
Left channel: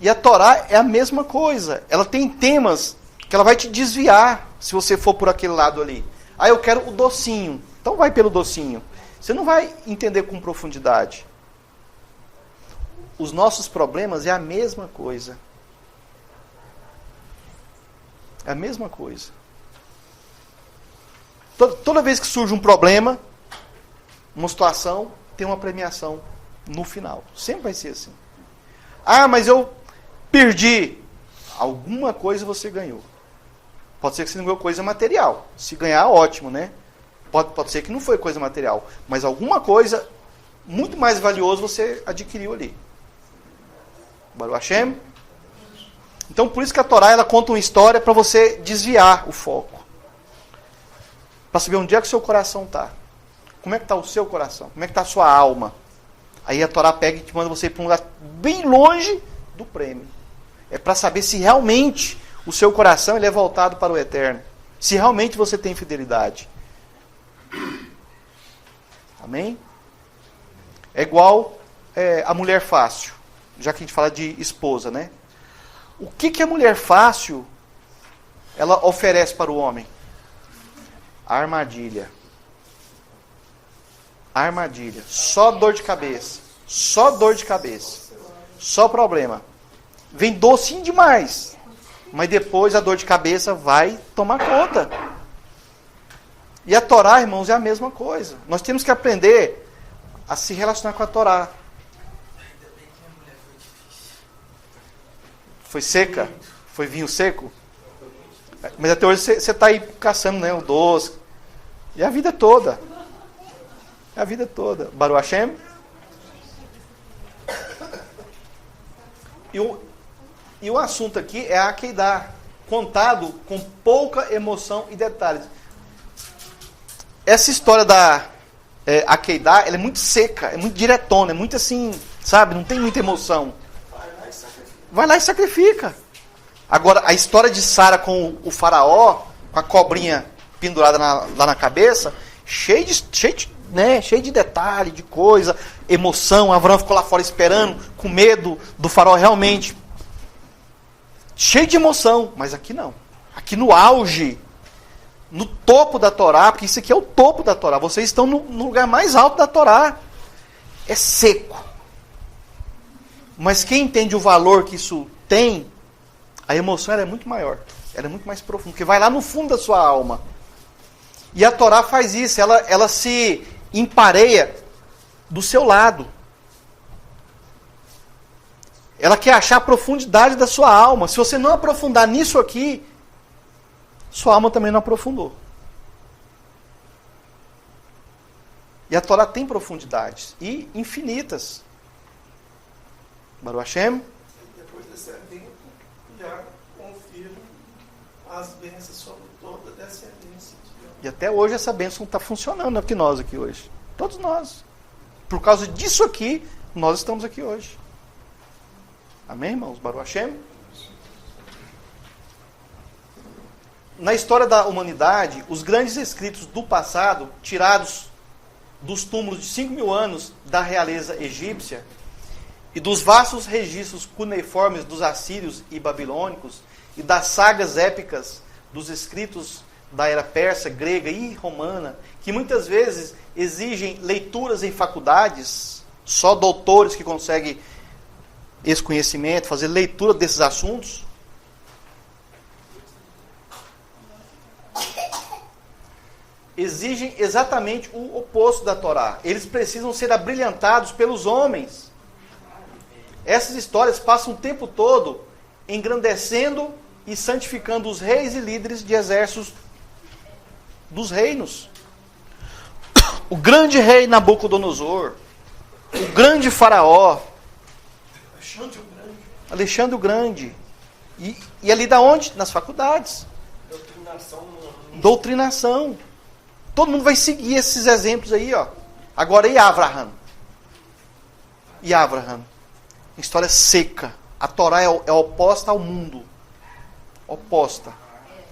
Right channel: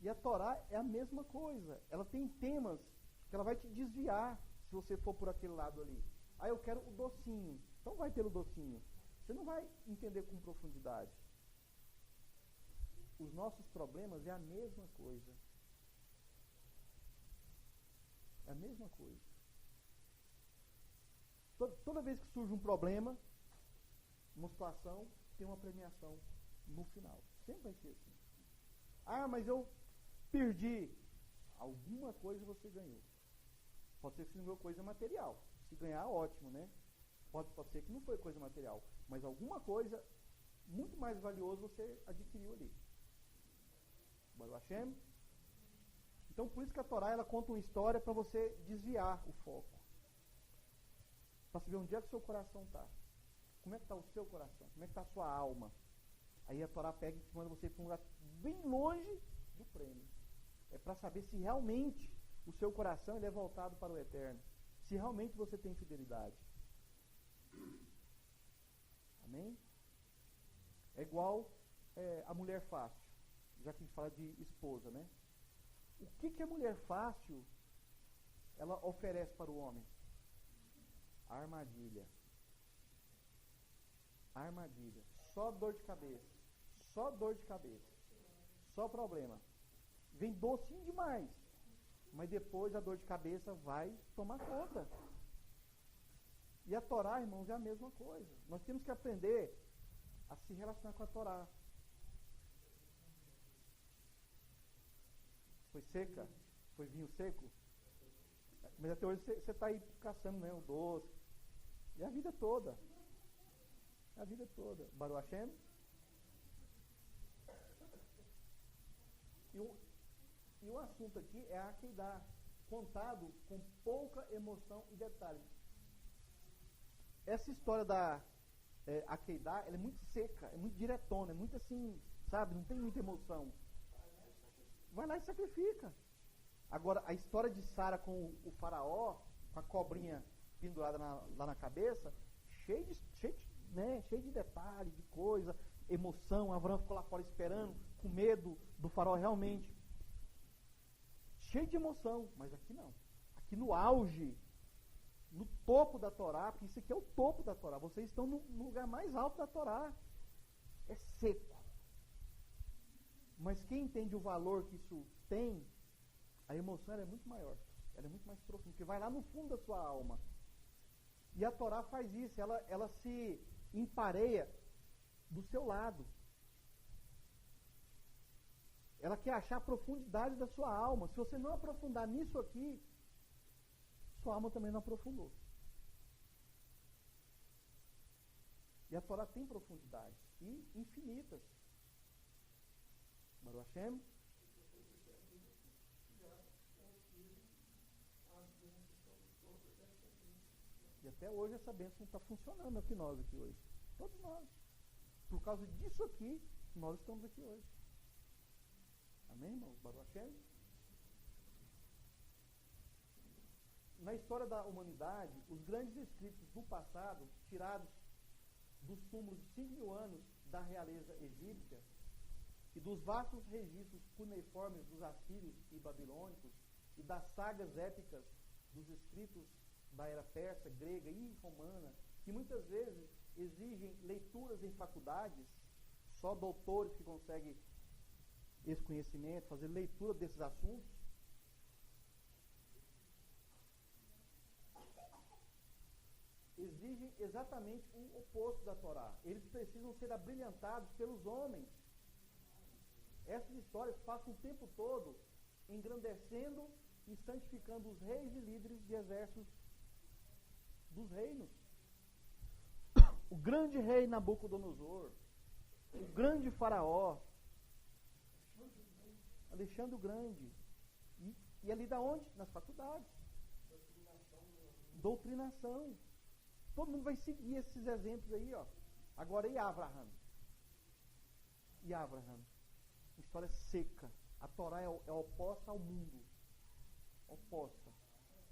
E a Torá é a mesma coisa. Ela tem temas que ela vai te desviar se você for por aquele lado ali. Ah, eu quero o docinho. Então vai pelo docinho. Você não vai entender com profundidade. Os nossos problemas é a mesma coisa. É a mesma coisa. Toda vez que surge um problema, uma situação, tem uma premiação no final. Sempre vai ser assim. Ah, mas eu perdi. Alguma coisa você ganhou. Pode ser que você não ganhou coisa material. Se ganhar, ótimo, né? Pode ser que não foi coisa material. Mas alguma coisa muito mais valiosa você adquiriu ali. Baruch Hashem. Então, por isso que a Torá ela conta uma história para você desviar o foco. Para saber onde é que o seu coração está. Como é que está o seu coração? Como é que está a sua alma? Aí a Torá pega e te manda você ir para um lugar bem longe do prêmio. É para saber se realmente o seu coração ele é voltado para o eterno. Se realmente você tem fidelidade. Amém? É igual a mulher fácil. Já que a gente fala de esposa, né? O que a mulher fácil ela oferece para o homem? Armadilha. Armadilha. Só dor de cabeça. Só dor de cabeça. Só problema. Vem docinho demais. Mas depois a dor de cabeça vai tomar conta. E a Torá, irmãos, é a mesma coisa. Nós temos que aprender a se relacionar com a Torá. Foi seca? Foi vinho seco? Mas até hoje você está aí caçando, né, o doce. E a vida toda. A vida toda. Baruch Hashem. E o assunto aqui é a Akedah, contado com pouca emoção e detalhes. Essa história da Akedah, ela é muito seca, é muito diretona, é muito assim, sabe? Não tem muita emoção. Vai lá e sacrifica. Vai lá e sacrifica. Agora, a história de Sara com o faraó, com a cobrinha pendurada lá na cabeça, cheio de detalhe, de coisa, emoção. Abraão ficou lá fora esperando, com medo do faraó realmente. Cheio de emoção, mas aqui não. Aqui no auge, no topo da Torá, porque isso aqui é o topo da Torá. Vocês estão no lugar mais alto da Torá. É seco. Mas quem entende o valor que isso tem, a emoção ela é muito maior. Ela é muito mais profunda, porque vai lá no fundo da sua alma. E a Torá faz isso, ela se empareia do seu lado. Ela quer achar a profundidade da sua alma. Se você não aprofundar nisso aqui, sua alma também não aprofundou. E a Torá tem profundidades e infinitas. Baruch Hashem. Depois desse evento, já confirma as bênçãos sobre toda a descendência de Deus. E até hoje essa bênção está funcionando aqui nós aqui hoje. Todos nós. Por causa disso aqui, nós estamos aqui hoje. Amém, irmãos? Baruch Hashem. Na história da humanidade, os grandes escritos do passado, tirados dos túmulos de 5.000 anos da realeza egípcia e dos vastos registros cuneiformes dos assírios e babilônicos e das sagas épicas dos escritos da era persa, grega e romana, que muitas vezes exigem leituras em faculdades, só doutores que conseguem esse conhecimento, fazer leitura desses assuntos. Exigem exatamente o oposto da Torá. Eles precisam ser abrilhantados pelos homens. Essas histórias passam o tempo todo engrandecendo e santificando os reis e líderes de exércitos dos reinos. O grande rei Nabucodonosor, o grande faraó, Alexandre o Grande. E ali da onde? Nas faculdades. Doutrinação. Todo mundo vai seguir esses exemplos aí, ó. Agora, e Abraham? E Abraham? História seca. A Torá é oposta ao mundo. Oposta.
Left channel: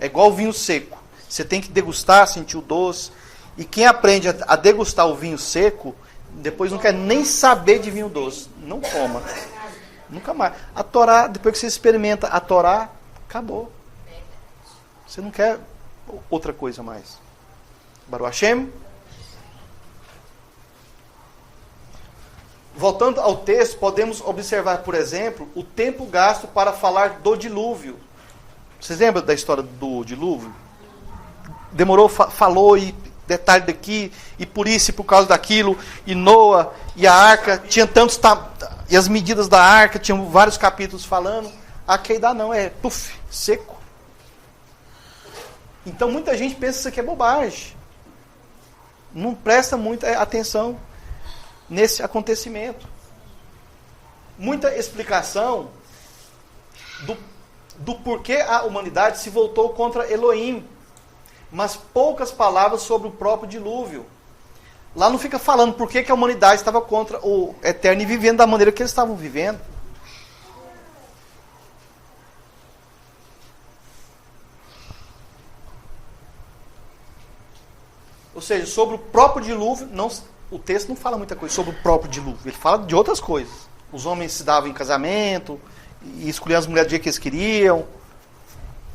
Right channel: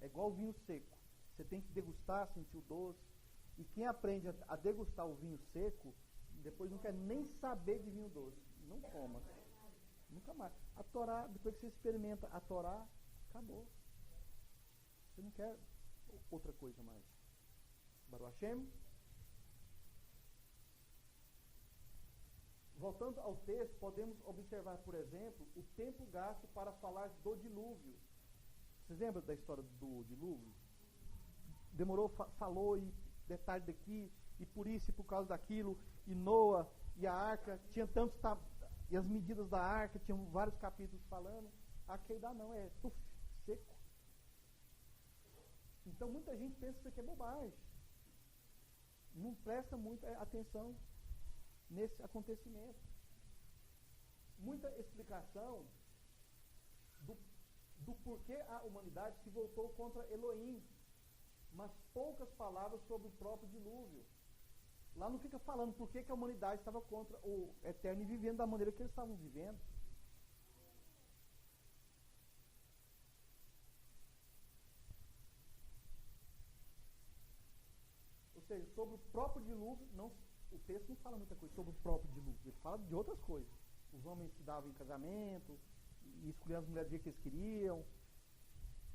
É igual o vinho seco. Você tem que degustar, sentir o doce. E quem aprende a degustar o vinho seco, depois não quer nem saber de vinho doce. Não toma. Nunca mais. A Torá, depois que você experimenta a Torá, acabou. Você não quer outra coisa mais. Baruch Hashem. Voltando ao texto, podemos observar, por exemplo, o tempo gasto para falar do dilúvio. Vocês lembram da história do dilúvio? Demorou, falou, e detalhe daqui, e por isso, e por causa daquilo, e Noa, e a arca, tinha tantos, e as medidas da arca, tinham vários capítulos falando. A Keidá não, é seco. Então muita gente pensa que isso aqui é bobagem. Não presta muita atenção nesse acontecimento. Muita explicação do porquê a humanidade se voltou contra Elohim, mas poucas palavras sobre o próprio dilúvio. Lá não fica falando por que a humanidade estava contra o Eterno e vivendo da maneira que eles estavam vivendo. Ou seja, sobre o próprio dilúvio, o texto não fala muita coisa sobre o próprio dilúvio. Ele fala de outras coisas. Os homens se davam em casamento, e escolhiam as mulheres do jeito que eles queriam.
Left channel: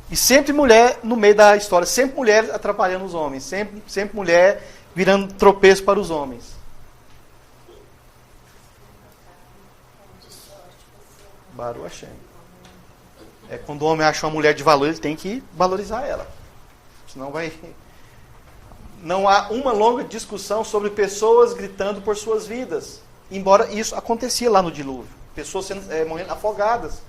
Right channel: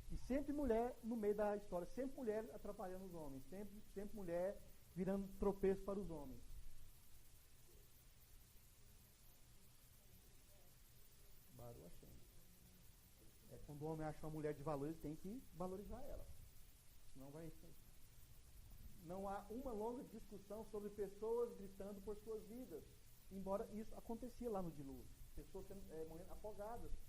E sempre mulher no meio da história. Sempre mulher atrapalhando os homens. Sempre mulher virando tropeço para os homens. Baruch Hashem. É quando o homem acha uma mulher de valor, ele tem que valorizar ela. Senão vai... Não há uma longa discussão sobre pessoas gritando por suas vidas. Embora isso acontecia lá no dilúvio. Pessoas morrendo afogadas.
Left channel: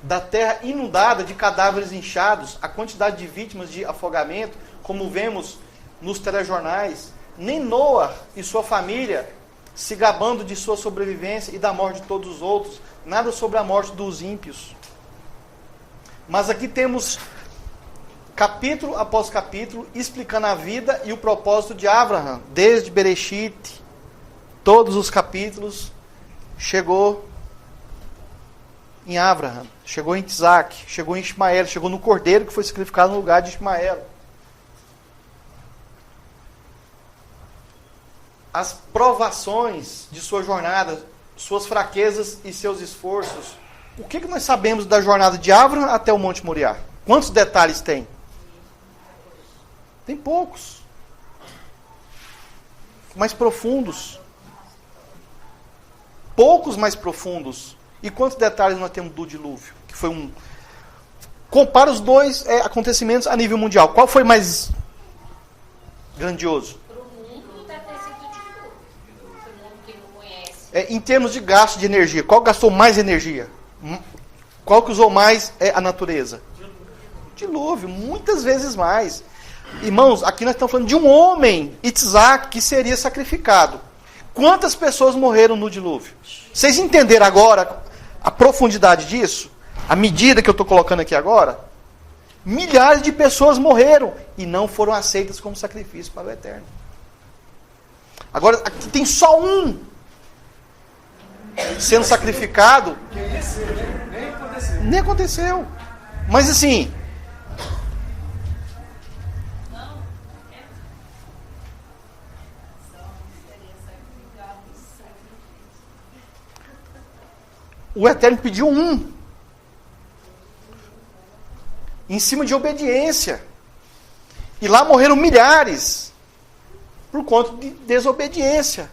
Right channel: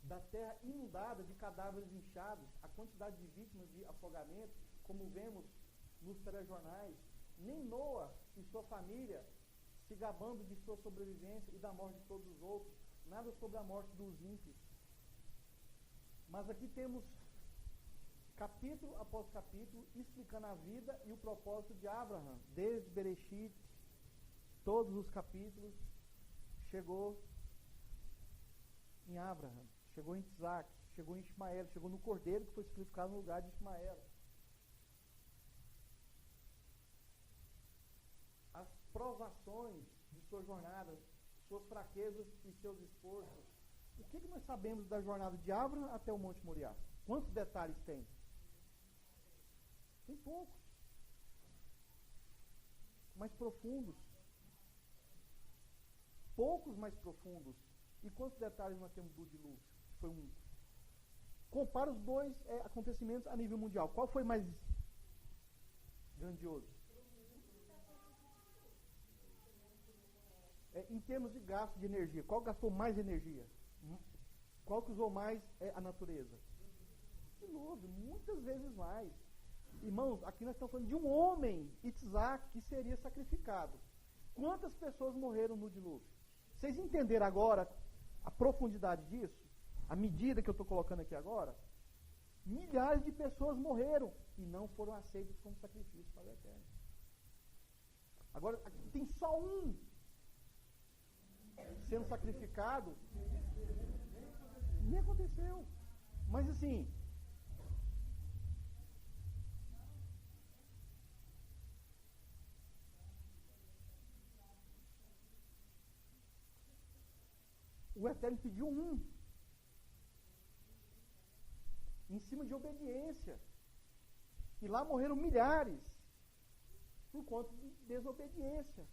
Da terra inundada de cadáveres inchados, a quantidade de vítimas de afogamento, como vemos nos telejornais, nem Noa e sua família se gabando de sua sobrevivência e da morte de todos os outros, nada sobre a morte dos ímpios. Mas aqui temos capítulo após capítulo explicando a vida e o propósito de Abraham, desde Bereshit, todos os capítulos chegou em Abraham, chegou em Isaac, chegou em Ismael, chegou no cordeiro que foi sacrificado no lugar de Ismael. As provações de sua jornada, suas fraquezas e seus esforços. O que nós sabemos da jornada de Abraham até o Monte Moriá? Quantos detalhes tem? Tem poucos. Mais profundos. Poucos mais profundos. E quantos detalhes nós temos do dilúvio? Que foi um... Compara os dois acontecimentos a nível mundial. Qual foi mais grandioso? Para o mundo deve ter sido de tudo. Para o mundo que não conhece. Em termos de gasto de energia, qual gastou mais energia? Qual que usou mais a natureza? Dilúvio, muitas vezes mais. Irmãos, aqui nós estamos falando de um homem, Isaac, que seria sacrificado. Quantas pessoas morreram no dilúvio? Vocês entenderam agora a profundidade disso? A medida que eu estou colocando aqui agora? Milhares de pessoas morreram e não foram aceitas como sacrifício para o Eterno. Agora, aqui tem só um sendo sacrificado. Nem aconteceu. Mas assim... O Eterno pediu um. Em cima de obediência. E lá morreram milhares. Por conta de desobediência.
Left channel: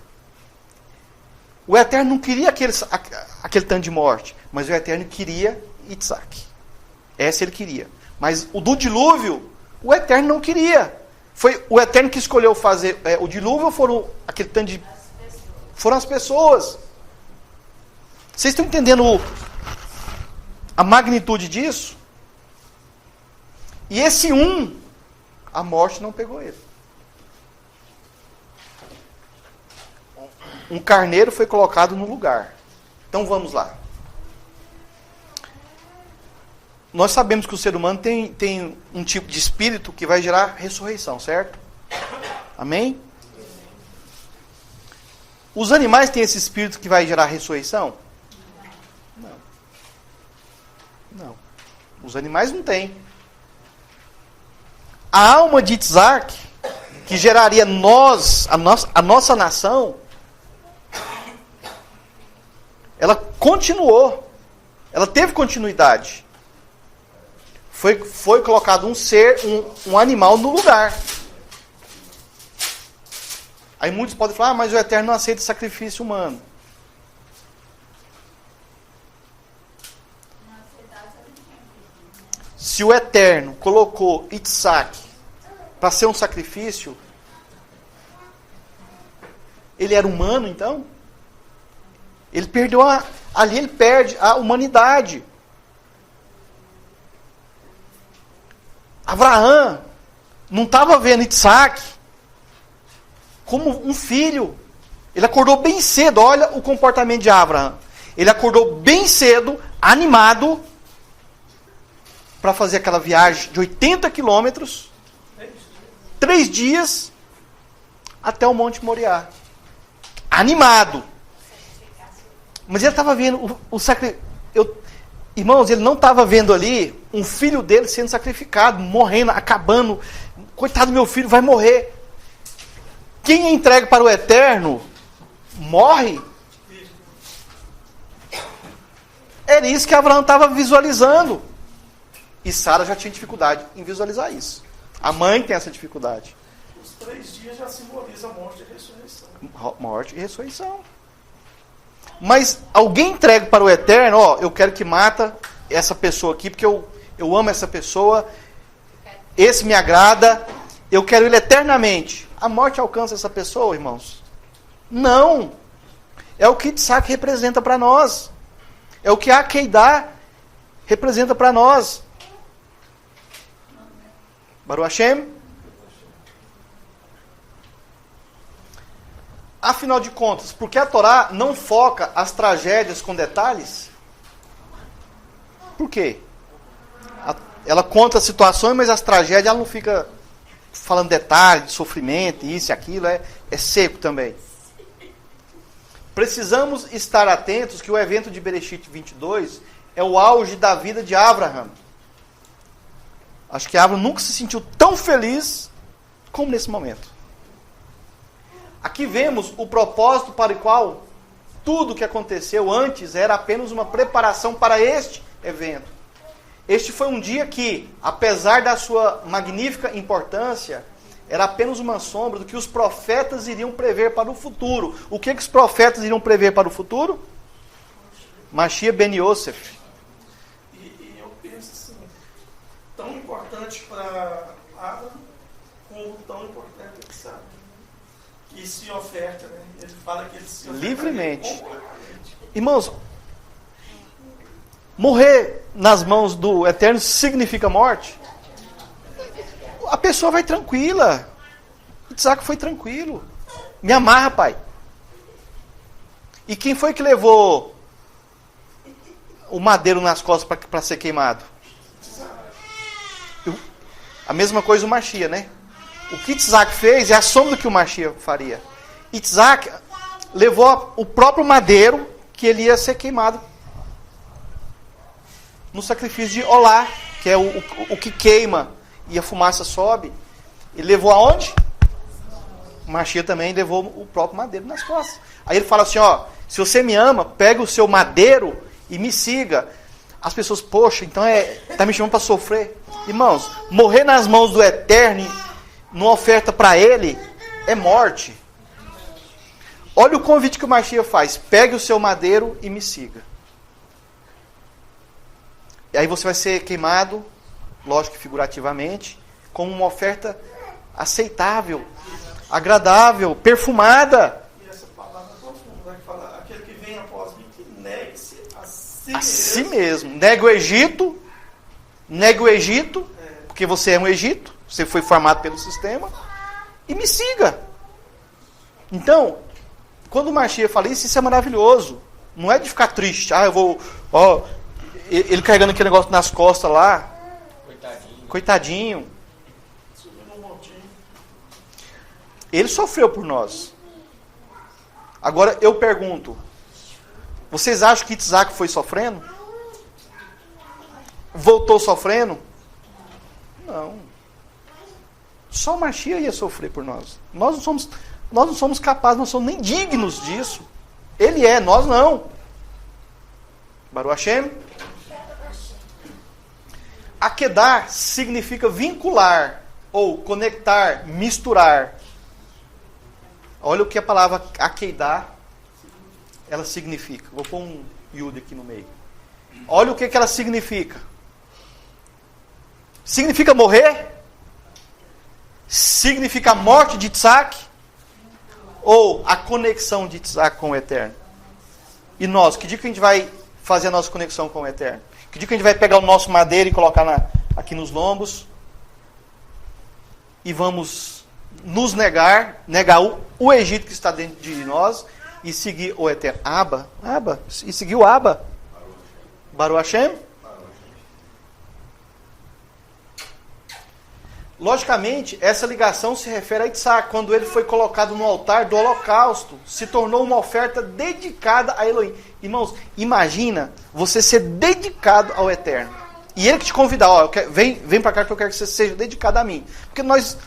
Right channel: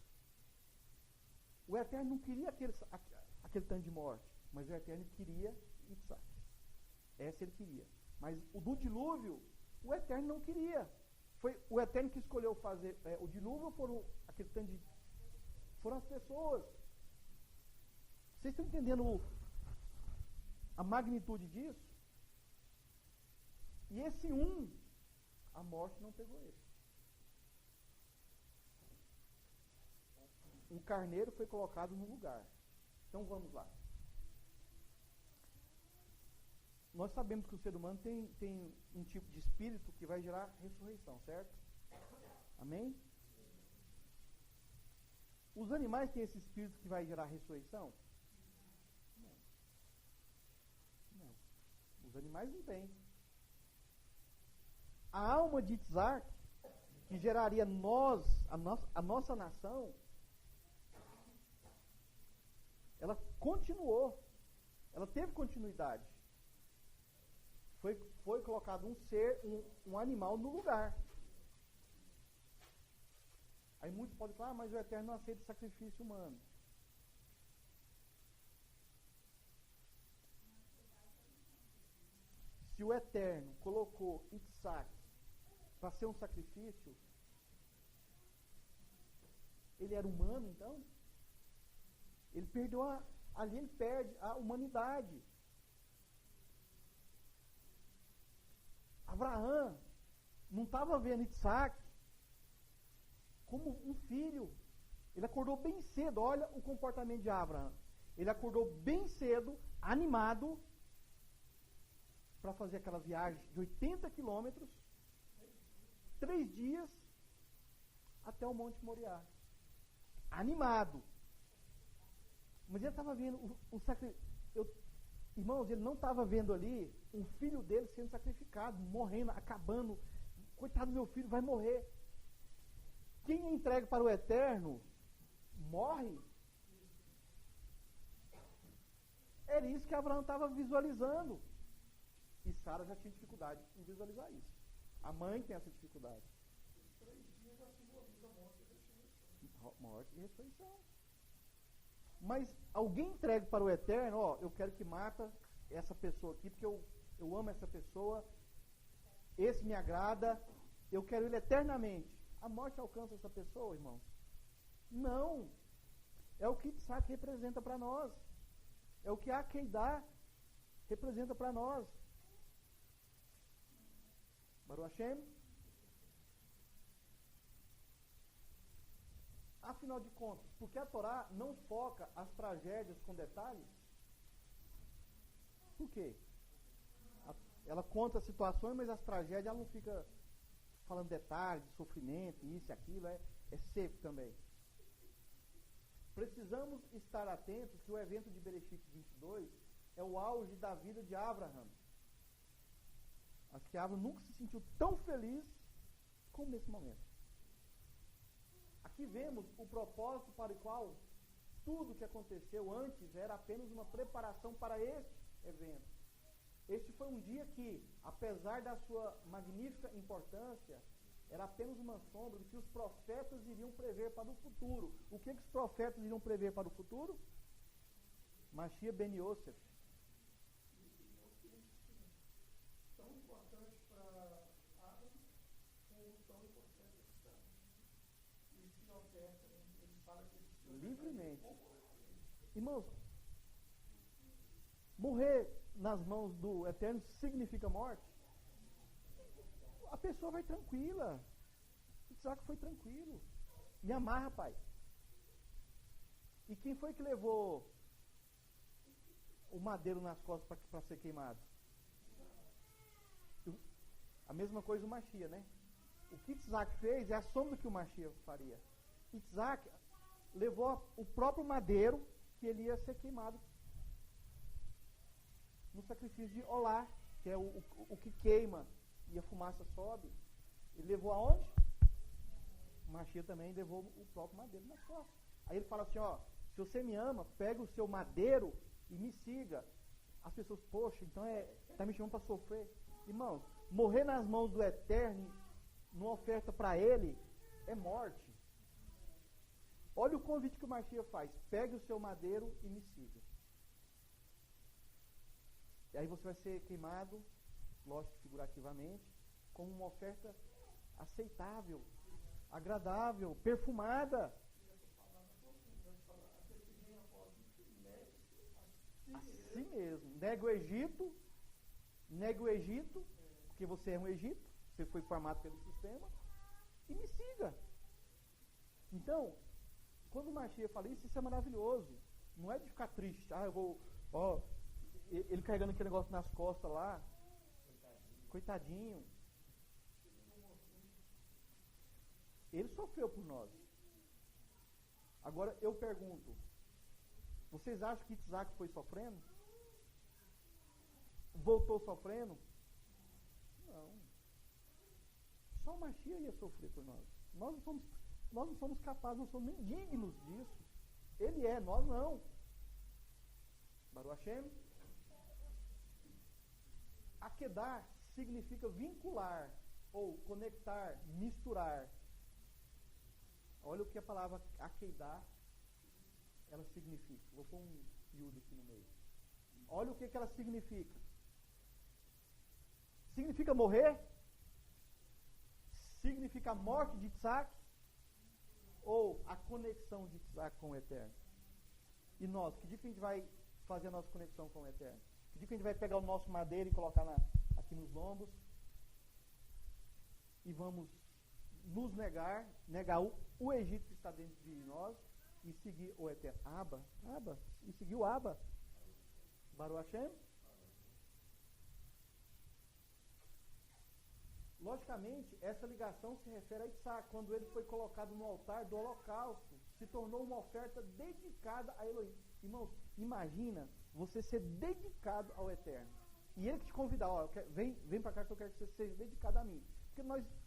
O Eterno não queria aquele tanto de morte. Mas o Eterno queria Isaac. Essa ele queria. Mas o do dilúvio, o Eterno não queria. Foi o Eterno que escolheu fazer o dilúvio ou foram aquele tanto de... Foram as pessoas. Vocês estão entendendo a magnitude disso? E esse a morte não pegou ele. Um carneiro foi colocado no lugar. Então vamos lá. Nós sabemos que o ser humano tem um tipo de espírito que vai gerar ressurreição, certo? Amém? Os animais têm esse espírito que vai gerar ressurreição? Não. Os animais não têm. A alma de Isaac, que geraria a nossa nação, ela continuou. Ela teve continuidade. Foi colocado um animal no lugar. Aí muitos podem falar, mas o Eterno não aceita sacrifício humano. Se o Eterno colocou Isaac para ser um sacrifício, ele era humano, então? Ele perdeu ali ele perde a humanidade. Abraão não estava vendo Isaac como um filho. Ele acordou bem cedo. Olha o comportamento de Abraão. Ele acordou bem cedo, animado, para fazer aquela viagem de 80 quilômetros, 3 dias, até o Monte Moriá. Animado. Mas ele estava vendo o sacrifício. Irmãos, ele não estava vendo ali um filho dele sendo sacrificado, morrendo, acabando. Coitado do meu filho, vai morrer. Quem é entregue para o Eterno, morre. Era isso que Abraão estava visualizando. E Sara já tinha dificuldade em visualizar isso. A mãe tem essa dificuldade. Os 3 dias já simbolizam morte e ressurreição. Morte e ressurreição. Mas alguém entregue para o Eterno, eu quero que mata essa pessoa aqui, porque eu amo essa pessoa, esse me agrada, eu quero ele eternamente. A morte alcança essa pessoa, irmãos? Não. É o que Isaac representa para nós. É o que a Keidá representa para nós. Baruch Hashem. Afinal de contas, por que a Torá não foca as tragédias com detalhes? Por quê? Ela conta as situações, mas as tragédias ela não fica falando detalhes, de sofrimento, isso e aquilo, é seco também. precisamos estar atentos que o evento de Bereshit 22 é o auge da vida de Abraham. Acho que Abraham nunca se sentiu tão feliz como nesse momento. Aqui vemos o propósito para o qual tudo que aconteceu antes era apenas uma preparação para este evento. Este foi um dia que, apesar da sua magnífica importância, era apenas uma sombra do que os profetas iriam prever para o futuro. O que os profetas iriam prever para o futuro? Mashiach ben Yosef. E eu penso assim, tão importante para Abraham, como tão importante ele sabe. Que se oferta, né? Ele fala que ele se oferta Livremente. Irmãos, morrer nas mãos do Eterno significa morte? A pessoa vai tranquila. Isaac foi tranquilo. Me amarra, pai. E quem foi que levou o madeiro nas costas para ser queimado? A mesma coisa o Mashiach, né? O que Isaac fez é a sombra do que o Mashiach faria. Isaac levou o próprio madeiro que ele ia ser queimado no sacrifício de Olá, que é o que queima e a fumaça sobe. Ele levou aonde? O Mashiach também levou o próprio madeiro nas costas. Aí ele fala assim, ó, se você me ama, pega o seu madeiro e me siga. As pessoas, poxa, então tá me chamando para sofrer. Irmãos, morrer nas mãos do Eterno, numa oferta para ele, é morte. Olha o convite que o Mashiach faz. Pegue o seu madeiro e me siga. E aí você vai ser queimado, lógico que figurativamente, como uma oferta aceitável, agradável, perfumada. E essa palavra profunda que fala, aquele que vem após mim, que negue-se a si mesmo. Nega o Egito, porque você é um Egito, você foi formado pelo sistema, e me siga. Então, quando o Mashiach fala isso é maravilhoso. Não é de ficar triste. Eu vou... ele carregando aquele negócio nas costas lá. Coitadinho. Ele sofreu por nós. Agora eu pergunto, vocês acham que Isaac foi sofrendo? Voltou sofrendo? Não. Só o Mashiach ia sofrer por nós. Nós não somos capazes, não somos nem dignos disso. Ele é, nós não. Baruch Hashem. Akedar significa vincular, ou conectar, misturar. Olha o que a palavra akedar, ela significa. Vou pôr um yud aqui no meio. Olha o que ela significa. Significa morrer? Significa a morte de Isaac? Ou a conexão de Isaac com o Eterno? E nós, que dia que a gente vai fazer a nossa conexão com o Eterno? Que dia que a gente vai pegar o nosso madeiro e colocar aqui nos lombos? E vamos nos negar o Egito que está dentro de nós e seguir o Eterno. E seguir o Abba. Baruch Hashem. Logicamente, essa ligação se refere a Isaac, quando ele foi colocado no altar do holocausto, se tornou uma oferta dedicada a Elohim. Irmãos, imagina você ser dedicado ao Eterno. E ele que te convidar, vem para cá que eu quero que você seja dedicado a mim. Porque nós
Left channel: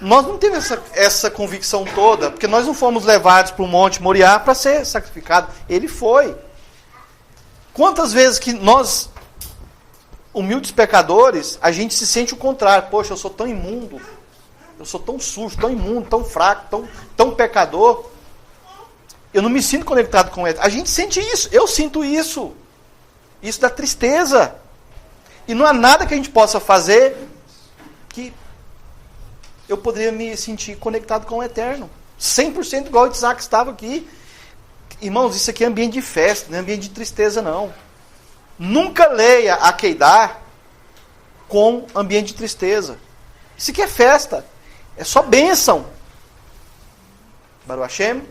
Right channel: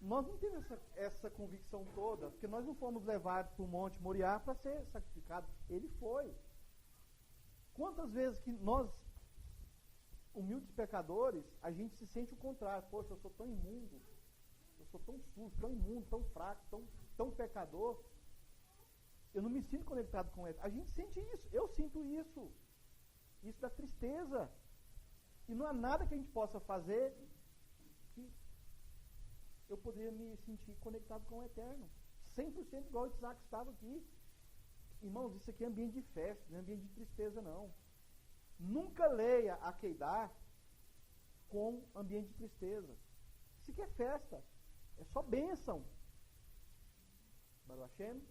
não temos essa convicção toda, porque nós não fomos levados para o Monte Moriá para ser sacrificado. Ele foi. Quantas vezes que nós, humildes pecadores, a gente se sente o contrário. Poxa, eu sou tão imundo, eu sou tão sujo, tão imundo, tão fraco, tão pecador. Eu não me sinto conectado com ele. A gente sente isso, eu sinto isso. Isso dá tristeza. E não há nada que a gente possa fazer que eu poderia me sentir conectado com o Eterno. 100% igual o Isaac estava aqui. Irmãos, isso aqui é ambiente de festa, não é ambiente de tristeza, não. Nunca leia a Akedar com ambiente de tristeza. Isso aqui é festa. É só bênção. Baruch Hashem.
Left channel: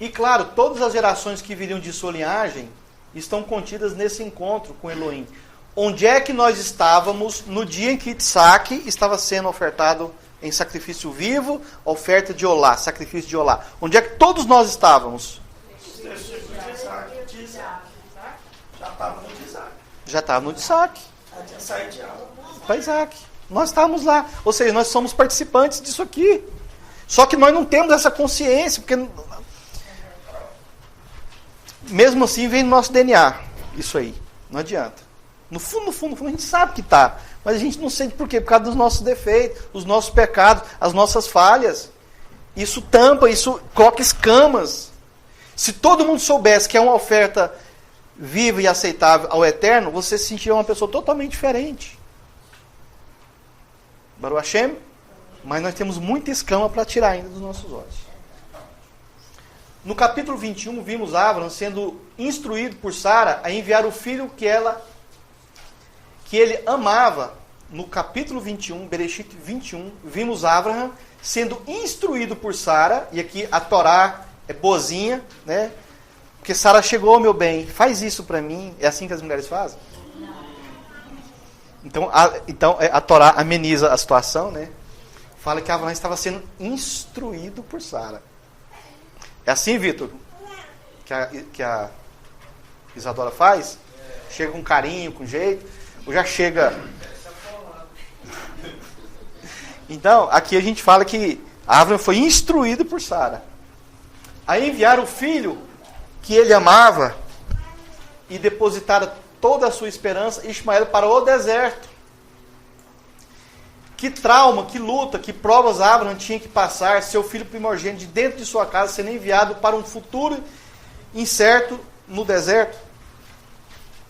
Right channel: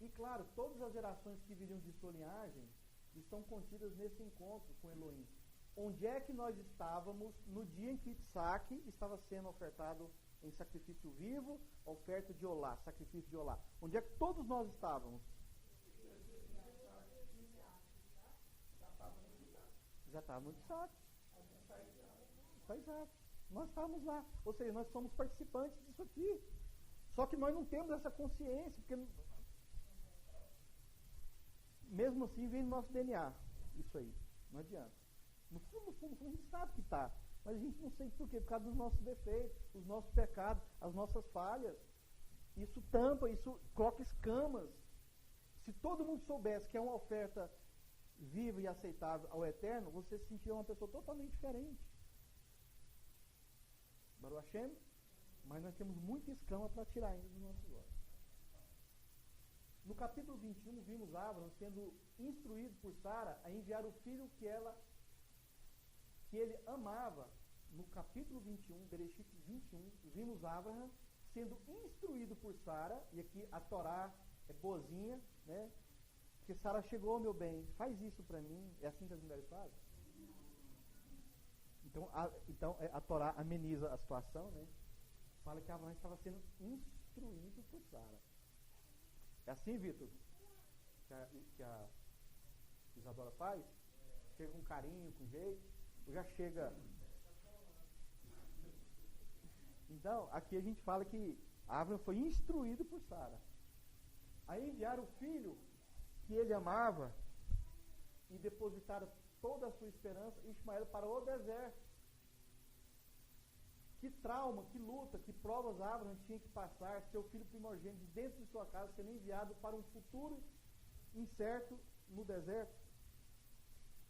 E claro, todas as gerações que viriam de sua linhagem estão contidas nesse encontro com Elohim. Onde é que nós estávamos no dia em que Isaac estava sendo ofertado em sacrifício vivo, oferta de olá, sacrifício de olá. Onde é que todos nós estávamos? Os textos de Isaac. Já estava no de Isaac. Já estava no de Isaac. Já tinha saído de Abraão. Para Isaac. Nós estávamos lá. Ou seja, nós somos participantes disso aqui. Só que nós não temos essa consciência, porque mesmo assim vem no nosso DNA. Isso aí. Não adianta. No fundo, a gente sabe que está. Mas a gente não sente por quê? Por causa dos nossos defeitos, os nossos pecados, as nossas falhas. Isso tampa, isso coloca escamas. Se todo mundo soubesse que é uma oferta viva e aceitável ao Eterno, você se sentiria uma pessoa totalmente diferente. Baruch Hashem? Mas nós temos muita escama para tirar ainda dos nossos olhos. No capítulo 21, vimos Abraão sendo instruído por Sara a enviar o filho que ele amava. No capítulo 21, Bereshit 21, vimos Abraão sendo instruído por Sara, e aqui a Torá é boazinha, né? Porque Sara chegou, meu bem, faz isso para mim. É assim que as mulheres fazem? Então a Torá ameniza a situação, né? Fala que Abraão estava sendo instruído por Sara. É assim, Vitor, que a Isadora faz? Chega com carinho, com jeito, ou já chega... Então, aqui a gente fala que Abraão foi instruído por Sara a enviar o filho que ele amava e depositar toda a sua esperança, Ismael, para o deserto. Que trauma, que luta, que provas Abraão tinha que passar, seu filho primogênito de dentro de sua casa sendo enviado para um futuro incerto no deserto.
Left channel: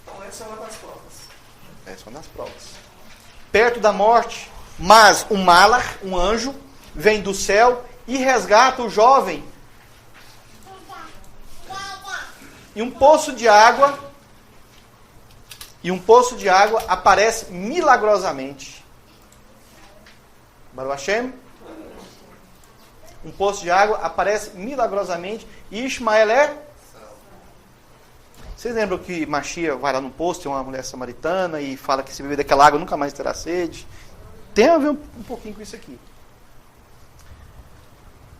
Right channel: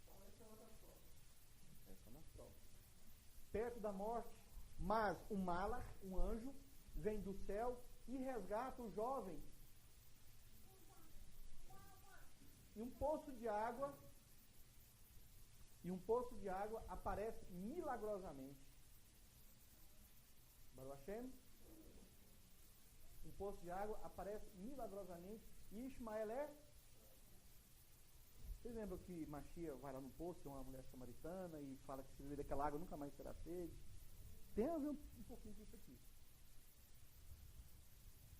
Então essa é uma das provas. Essa é uma das provas. Perto da morte, mas um Malach, um anjo, vem do céu e resgata o jovem. E um poço de água aparece milagrosamente. Baruch Hashem. Um poço de água aparece milagrosamente e Ismael é... Vocês lembram que Machia vai lá no poço, tem uma mulher samaritana e fala que se beber daquela água nunca mais terá sede? Tem a ver um pouquinho com isso aqui.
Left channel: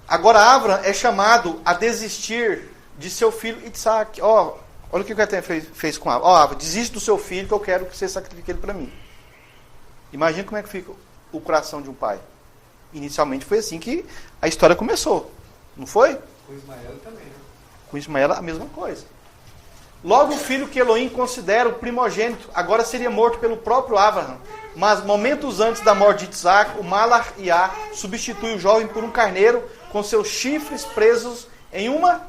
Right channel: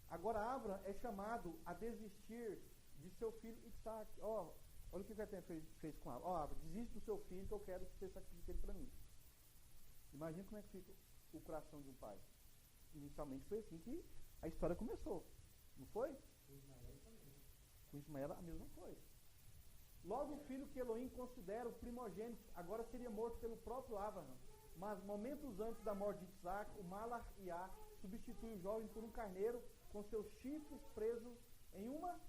Agora Abraão é chamado a desistir de seu filho Isaac. Olha o que o Eterno fez com Abraão. Abraão, desiste do seu filho que eu quero que você sacrifique ele para mim. Imagina como é que fica o coração de um pai. Inicialmente foi assim que a história começou. Não foi? Com Ismael também. Com Ismael a mesma coisa. Logo o filho que Elohim considera o primogênito, agora seria morto pelo próprio Abraão. Mas momentos antes da morte de Isaac, o Malach Iá substitui o jovem por um carneiro com seus chifres presos em uma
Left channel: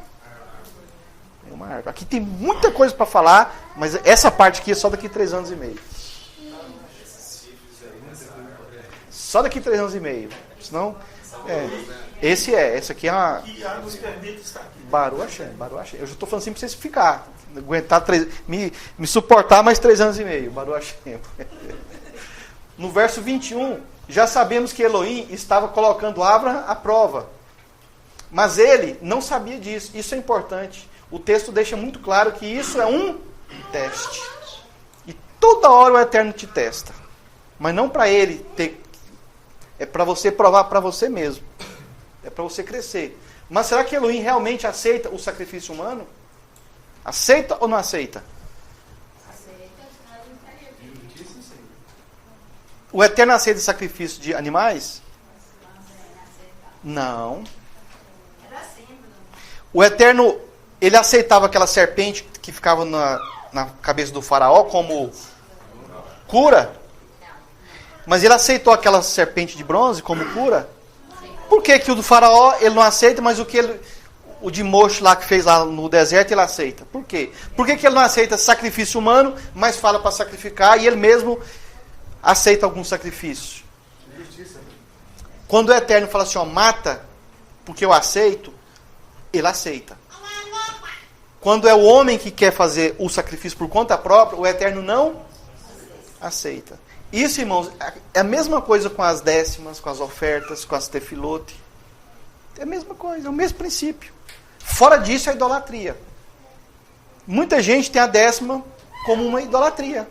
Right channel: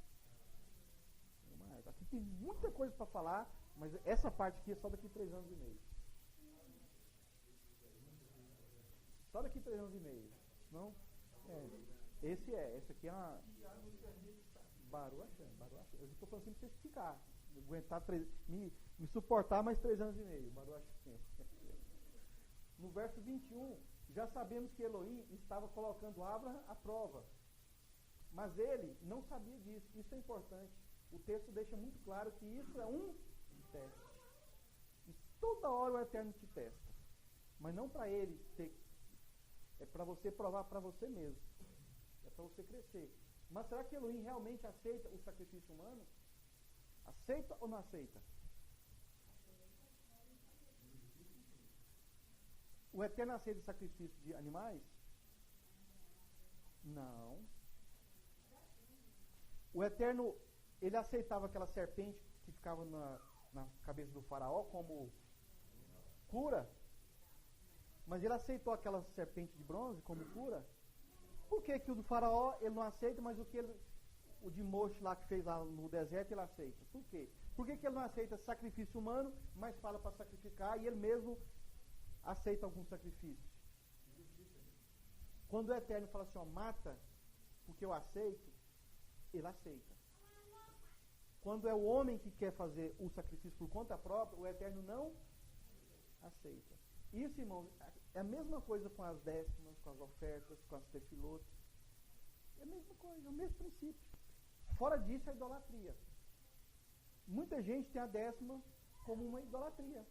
árvore. Aqui tem muita coisa para falar, mas essa parte aqui é só daqui a 3 anos e meio. Só daqui a 3 anos e meio. Senão, esse aqui é uma... E a nos permite estar aqui. Baruch Hashem. Eu já estou falando assim para vocês ficar. Aguentar me suportar mais 3 anos e meio. Baruch Hashem. No verso 21, já sabemos que Elohim estava colocando Abraão à prova. Mas ele não sabia disso. Isso é importante. O texto deixa muito claro que isso é um teste. E toda hora o Eterno te testa. Mas não para ele ter... É para você provar para você mesmo. É para você crescer. Mas será que Elohim realmente aceita o sacrifício humano? Aceita ou não aceita? O Eterno aceita sacrifício de animais? Não. O Eterno, ele aceitava aquela serpente que ficava na cabeça do faraó como cura? Mas ele aceitou aquela serpente de bronze como cura? Por que que o do faraó ele não aceita, mas o de Moshe lá que fez lá no deserto ele aceita? Por quê? Por que que ele não aceita sacrifício humano, mas fala para sacrificar e ele mesmo aceita algum sacrifício? Quando o Eterno fala assim, mata, porque eu aceito, ele aceita. Quando é o homem que quer fazer o sacrifício por conta própria, o Eterno não aceita. Isso, irmãos, é a mesma coisa com as décimas, com as ofertas, com as tefilote. É a mesma coisa, é o mesmo princípio. Fora disso é idolatria. Muita gente tem a décima como uma idolatria.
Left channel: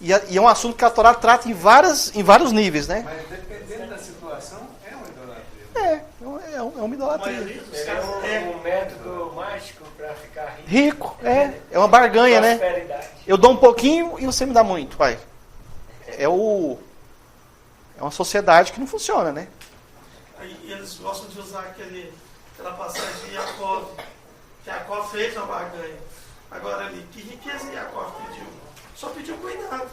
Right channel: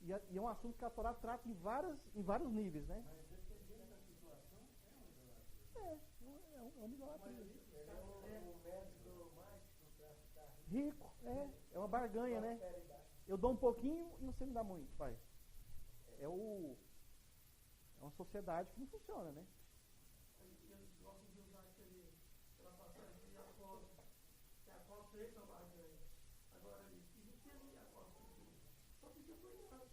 E é um assunto que a Torá trata em vários níveis, né? Mas dependendo da situação, é uma idolatria. É uma idolatria. É um método mágico para ficar rico. Rico, é uma barganha, né? Prosperidade. Eu dou um pouquinho e você me dá muito, pai. É uma sociedade que não funciona, né? Aí eles gostam de usar aquela passagem de Jacó. Jacó fez uma barganha. Agora ali, que riqueza Jacó pediu? Só pediu cuidado.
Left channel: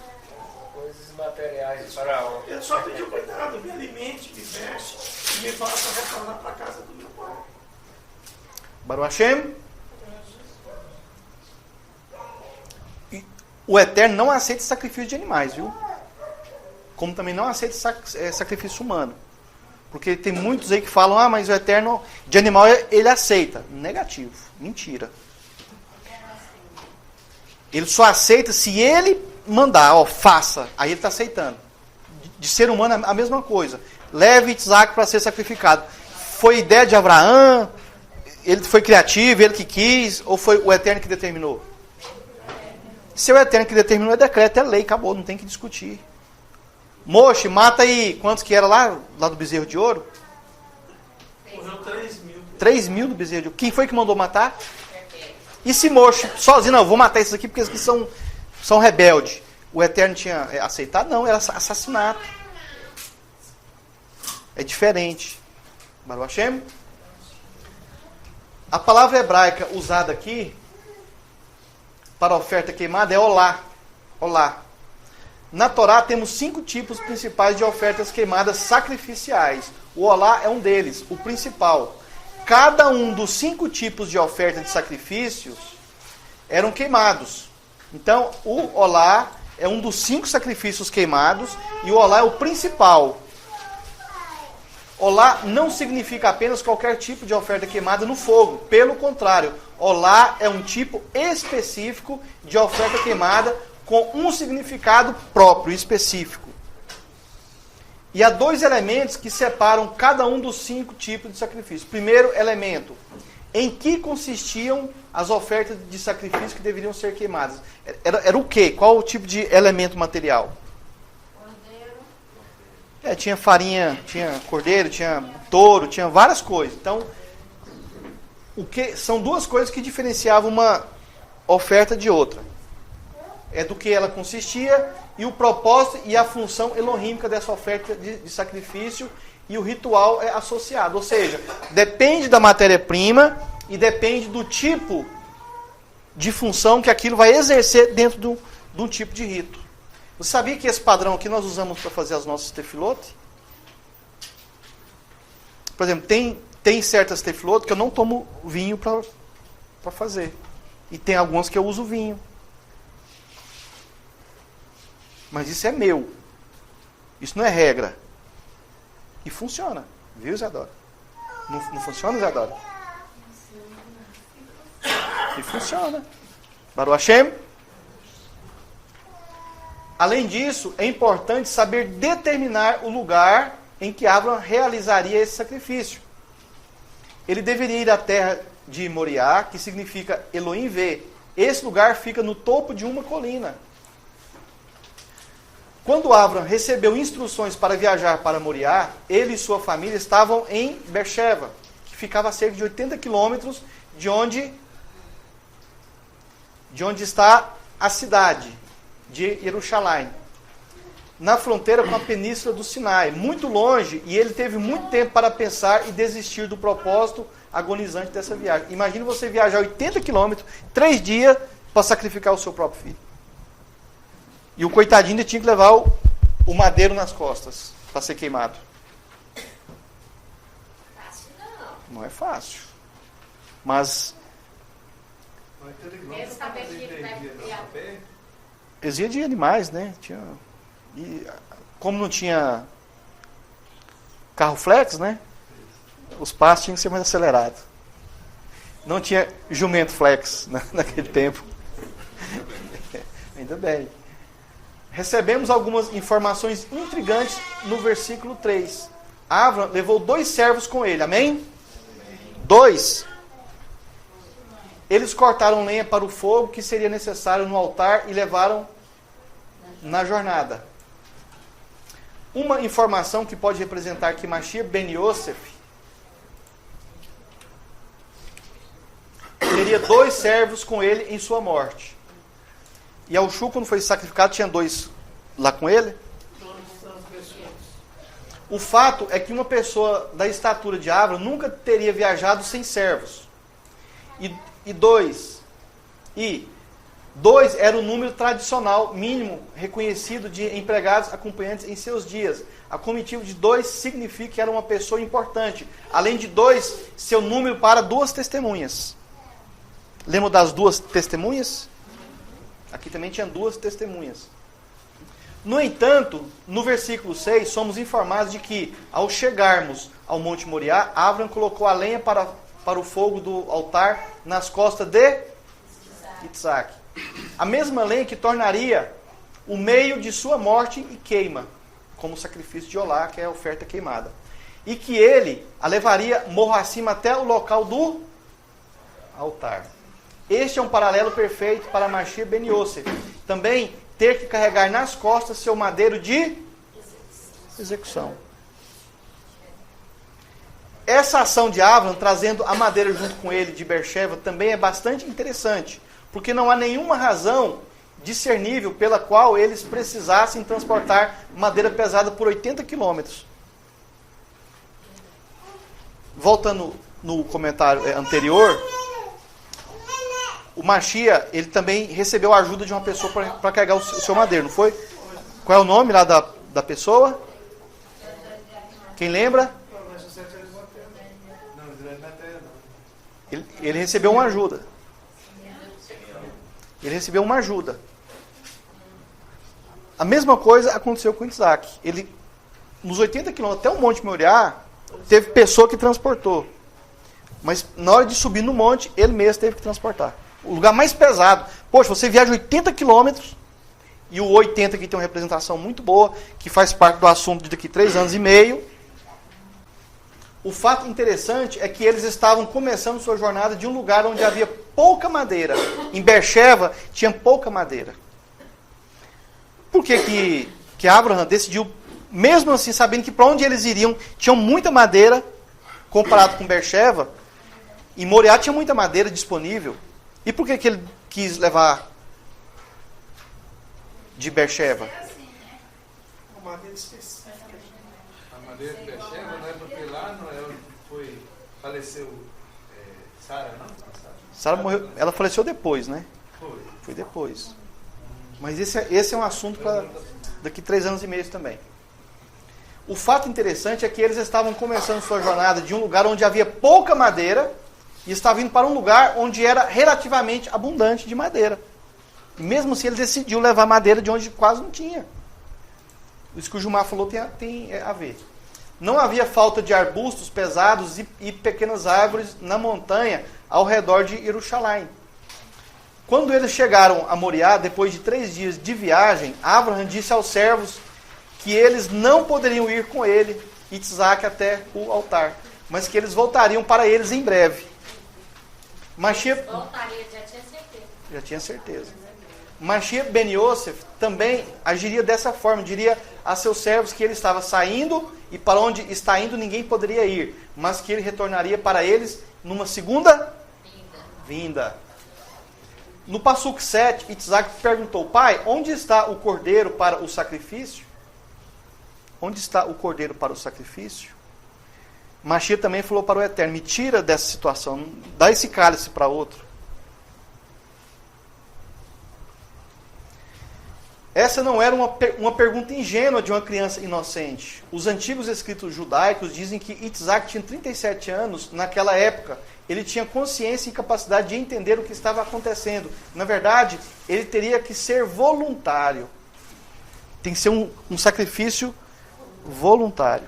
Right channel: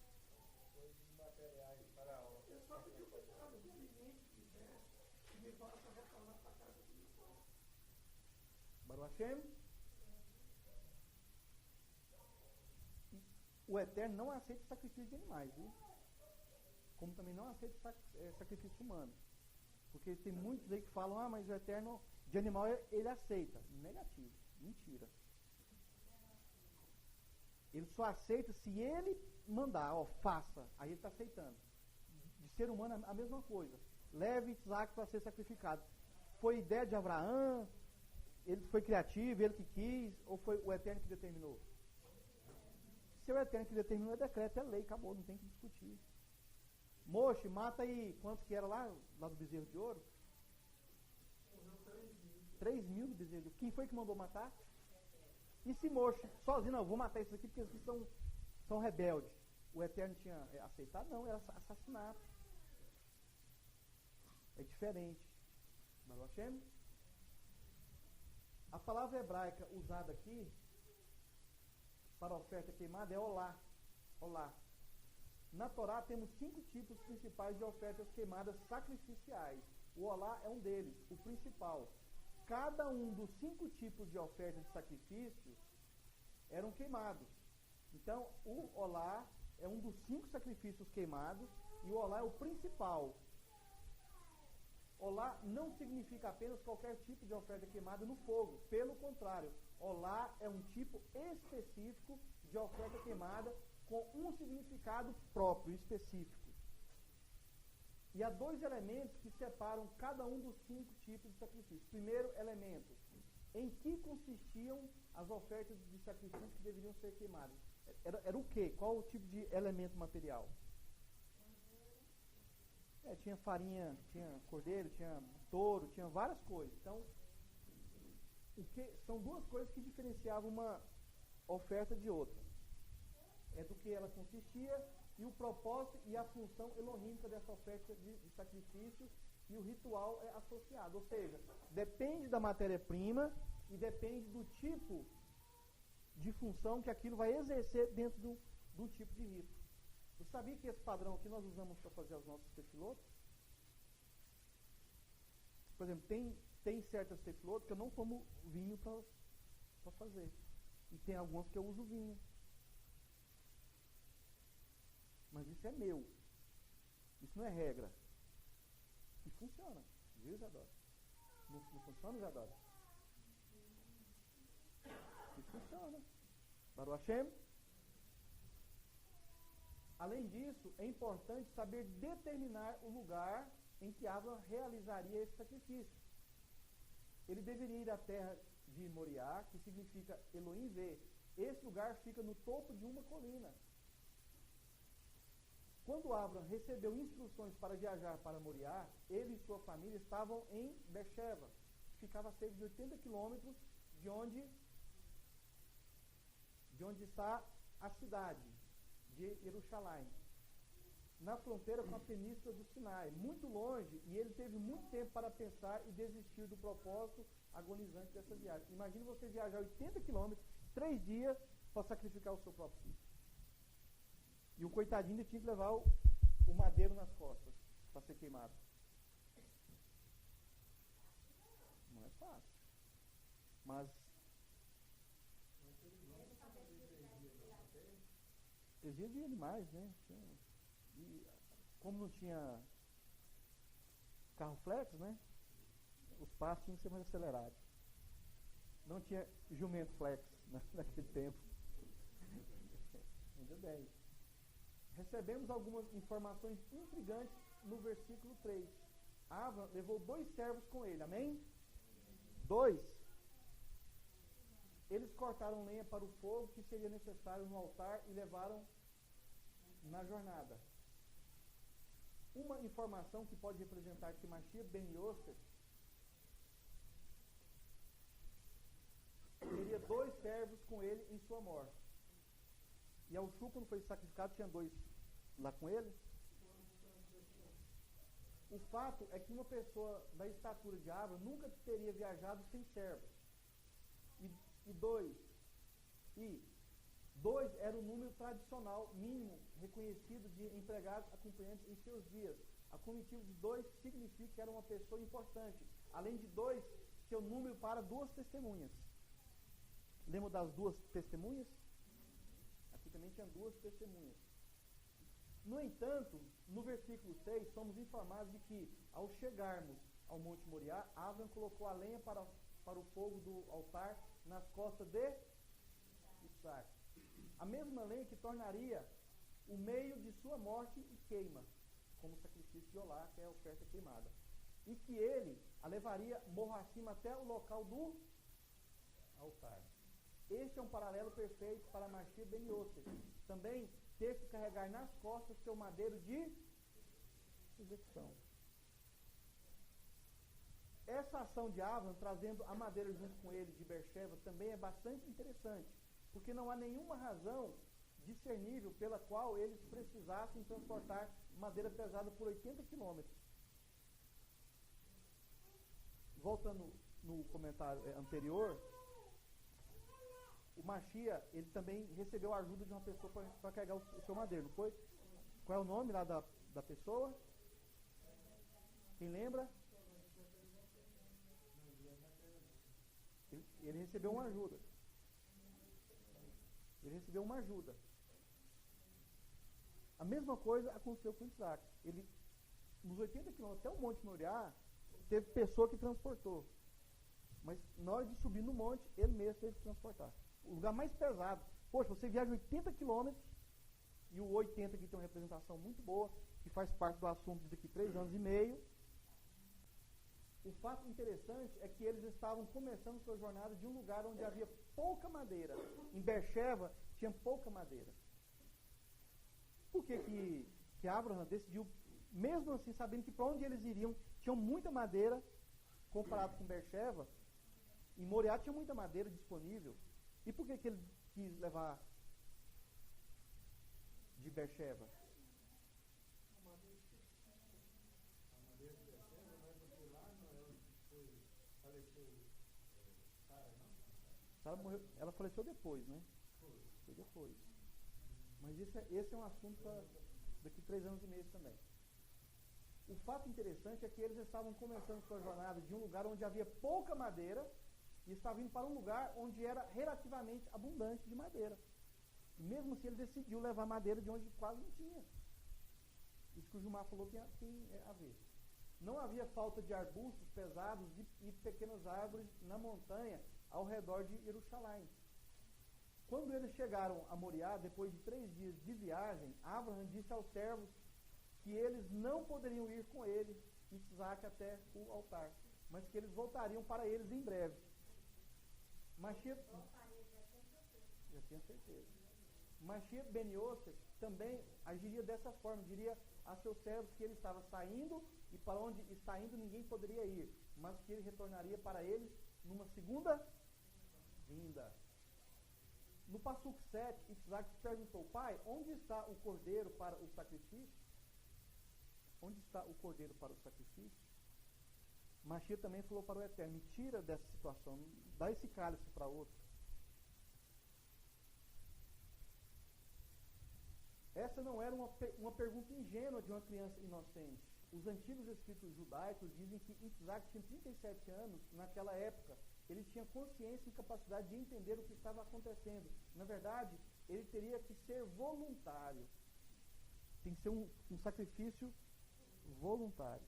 Coisas materiais de Faraó. Ele só pediu cuidado, me alimente, me veste e me faça retornar para a casa do meu pai. Baruch Hashem. O Eterno não aceita sacrifício de animais, viu? Como também não aceita sacrifício humano. Porque tem muitos aí que falam, mas o Eterno de animal ele aceita. Negativo, mentira. Ele só aceita se ele mandar, faça. Aí ele está aceitando. De ser humano a mesma coisa. Leve Isaac para ser sacrificado. Foi ideia de Abraão? Ele foi criativo, ele que quis? Ou foi o Eterno que determinou? Se é o Eterno que determinou, é decreto, é lei, acabou, não tem que discutir. Moxe, mata aí, quantos que era lá do bezerro de ouro? Morreu 3.000. 3.000 do bezerro de ouro. Quem foi que mandou matar? E se Moxe, sozinho, não, vou matar esses aqui porque esses aqui são rebeldes. O Eterno tinha aceitado? Não, era assassinato. É diferente. Baruch Hashem. A palavra hebraica usada aqui para oferta queimada é olá. Olá. Na Torá temos 5 tipos principais de ofertas queimadas sacrificiais. O olá é um deles, o principal. Cada um dos 5 tipos de oferta de sacrifícios eram queimados. Então, o olá é um dos 5 sacrifícios queimados e o olá é o principal. Olá não significa apenas qualquer tipo de oferta queimada no fogo. Pelo contrário, olá é um tipo específico de oferta queimada com um significado próprio, específico. E há 2 elementos que separam cada um dos 5 tipos de sacrifício. Primeiro elemento, em que consistiam as ofertas de sacrifício que deveriam ser queimadas? Era o quê? Qual o tipo de elemento material? Tinha farinha, tinha cordeiro, tinha touro, tinha várias coisas. Então, são 2 coisas que diferenciavam uma oferta de outra. É do que ela consistia e o propósito e a função elohímica dessa oferta de sacrifício e o ritual é associado. Ou seja, depende da matéria-prima e depende do tipo de função que aquilo vai exercer dentro de um tipo de rito. Você sabia que esse padrão aqui nós usamos para fazer as nossas tefilote? Por exemplo, tem certas tefilote que eu não tomo vinho para fazer. E tem algumas que eu uso vinho. Mas isso é meu. Isso não é regra. E funciona. Viu, Isadora? Não funciona, Isadora? E funciona. Baruch Hashem. Além disso, é importante saber determinar o lugar em que Abraão realizaria esse sacrifício. Ele deveria ir à terra de Moriá, que significa Elohim vê. Esse lugar fica no topo de uma colina. Quando Abraão recebeu instruções para viajar para Moriá, ele e sua família estavam em Beersheba, que ficava a cerca de 80 quilômetros de onde está a cidade de Jerusalém, na fronteira com a península do Sinai, muito longe, e ele teve muito tempo para pensar e desistir do propósito agonizante dessa viagem. Imagine você viajar 80 quilômetros, 3 dias, para sacrificar o seu próprio filho. E o coitadinho ainda tinha que levar o madeiro nas costas para ser queimado. Fácil não. Não é fácil. Mas Mesmo saber que ele vai criar. exia de animais, né? Como não tinha carro flex, né? Os passos tinham que ser mais acelerados. Não tinha jumento flex naquele tempo. Ainda bem. Recebemos algumas informações intrigantes no versículo 3. Abraão levou 2 servos com ele, amém? 2. Eles cortaram lenha para o fogo que seria necessário no altar e levaram na jornada. Uma informação que pode representar que Mashiach ben Yosef teria 2 servos com ele em sua morte. E Yahushua, quando foi sacrificado, tinha 2 lá com ele. O fato é que uma pessoa da estatura de Abraão nunca teria viajado sem servos. E 2 era o número tradicional mínimo reconhecido de empregados acompanhantes em seus dias. A comitiva de 2 significa que era uma pessoa importante. Além de 2, seu número para 2 testemunhas. Lembra das 2 testemunhas? Aqui também tinha 2 testemunhas. No entanto, no versículo 6, somos informados de que, ao chegarmos ao Monte Moriá, Abraão colocou a lenha para o fogo do altar nas costas de Isaac. A mesma lenha que tornaria o meio de sua morte e queima, como sacrifício de Olá, que é a oferta queimada. E que ele a levaria morro acima até o local do altar. Este é um paralelo perfeito para Mashiach ben Yosef. Também ter que carregar nas costas seu madeiro de execução. Essa ação de Abraão, trazendo a madeira junto com ele de Beersheba, também é bastante interessante, porque não há nenhuma razão discernível pela qual eles precisassem transportar madeira pesada por 80 quilômetros. Voltando no comentário anterior, o Mashiach, ele também recebeu a ajuda de uma pessoa para carregar o seu madeiro, não foi? Qual é o nome lá da pessoa? Quem lembra? Ele recebeu uma ajuda. Ele recebeu uma ajuda. A mesma coisa aconteceu com Isaac. Ele, nos 80 quilômetros até o Monte Moriá, teve pessoa que transportou. Mas na hora de subir no monte, ele mesmo teve que transportar. O lugar mais pesado. Poxa, você viaja 80 quilômetros, e o 80 aqui tem uma representação muito boa, que faz parte do assunto de daqui 3 anos e meio. O fato interessante é que eles estavam começando sua jornada de um lugar onde havia pouca madeira. Em Beersheba tinha pouca madeira. Por que Abraão decidiu, mesmo assim, sabendo que para onde eles iriam, tinham muita madeira, comparado com Beersheba, e Moriá tinha muita madeira disponível. E por que ele quis levar de Beersheba? Uma madeira específica. A madeira de Beersheba, não é porque lá não é onde faleceu Sara, não? Sara morreu, ela faleceu depois, né? Foi depois. Mas esse é um assunto para daqui 3 anos e meio também. O fato interessante é que eles estavam começando sua jornada de um lugar onde havia pouca madeira e estavam indo para um lugar onde era relativamente abundante de madeira. E mesmo assim ele decidiu levar madeira de onde quase não tinha. Isso que o Gilmar falou tem a ver. Não havia falta de arbustos pesados e pequenas árvores na montanha ao redor de Jerusalém. Quando eles chegaram a Moriá, depois de 3 dias de viagem, Abraão disse aos servos que eles não poderiam ir com ele e Isaac até o altar, mas que eles voltariam para eles em breve. Mashiach Voltaria, já tinha certeza. Mashiach ben Yosef também agiria dessa forma, diria a seus servos que ele estava saindo e para onde está indo ninguém poderia ir, mas que ele retornaria para eles numa segunda vinda. No Passuco 7, Isaac perguntou: pai, onde está o cordeiro para o sacrifício? Onde está o cordeiro para o sacrifício? Mashiach também falou para o Eterno: me tira dessa situação, dá esse cálice para outro. Essa não era uma pergunta ingênua de uma criança inocente. Os antigos escritos judaicos dizem que Isaac tinha 37 anos naquela época. Ele tinha consciência e capacidade de entender o que estava acontecendo. Na verdade, ele teria que ser voluntário. Tem que ser um sacrifício voluntário.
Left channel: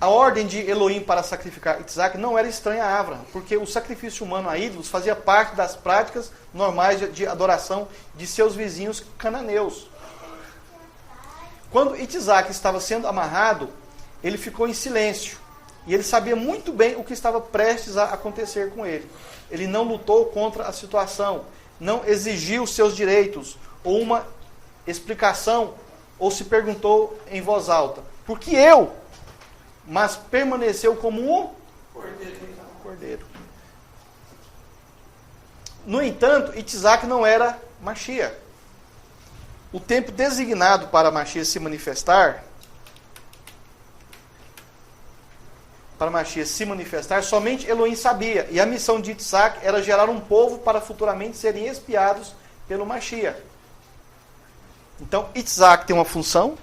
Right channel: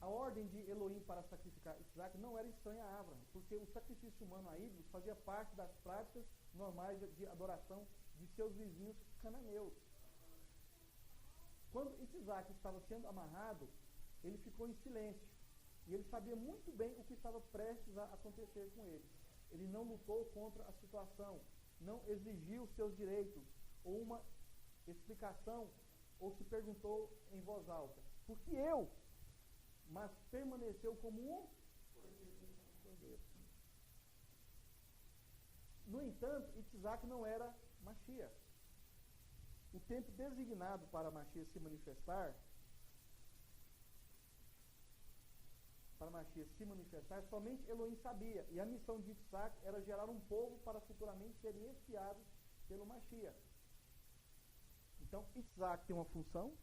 A ordem de Elohim para sacrificar Isaac não era estranha a Abraão, porque o sacrifício humano a ídolos fazia parte das práticas normais de adoração de seus vizinhos cananeus. Quando Isaac estava sendo amarrado, ele ficou em silêncio. E ele sabia muito bem o que estava prestes a acontecer com ele. Ele não lutou contra a situação. não exigiu seus direitos, ou uma explicação, ou se perguntou em voz alta, por que eu? Mas permaneceu como um cordeiro. No entanto, Itzhak não era Mashiach. O tempo designado para Mashiach se manifestar, somente Elohim sabia. E a missão de Itzhak era gerar um povo para futuramente serem expiados pelo Mashiach. Então, Itzhak tem uma função,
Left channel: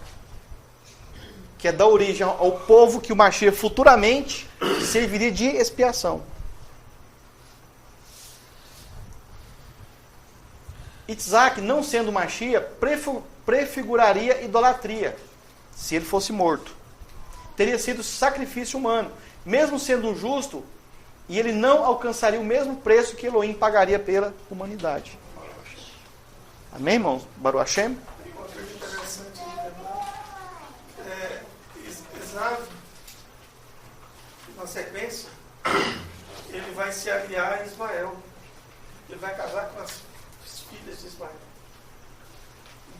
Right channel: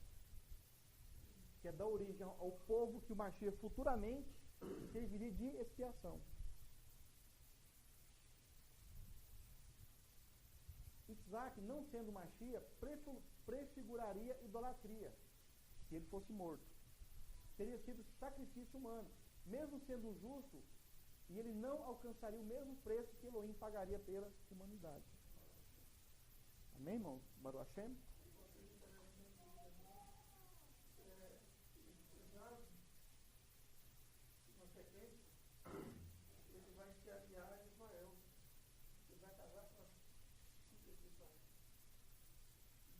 que é dar origem ao povo que o Mashiach futuramente serviria de expiação. Itzhak, não sendo Mashiach, prefiguraria idolatria, se ele fosse morto. Teria sido sacrifício humano, mesmo sendo um justo, e ele não alcançaria o mesmo preço que Elohim pagaria pela humanidade. Amém, irmãos? Baruch Hashem? Uma coisa interessante Esav, na sequência, ele vai se aliar a Ismael. Ele vai casar com as filhas de Ismael.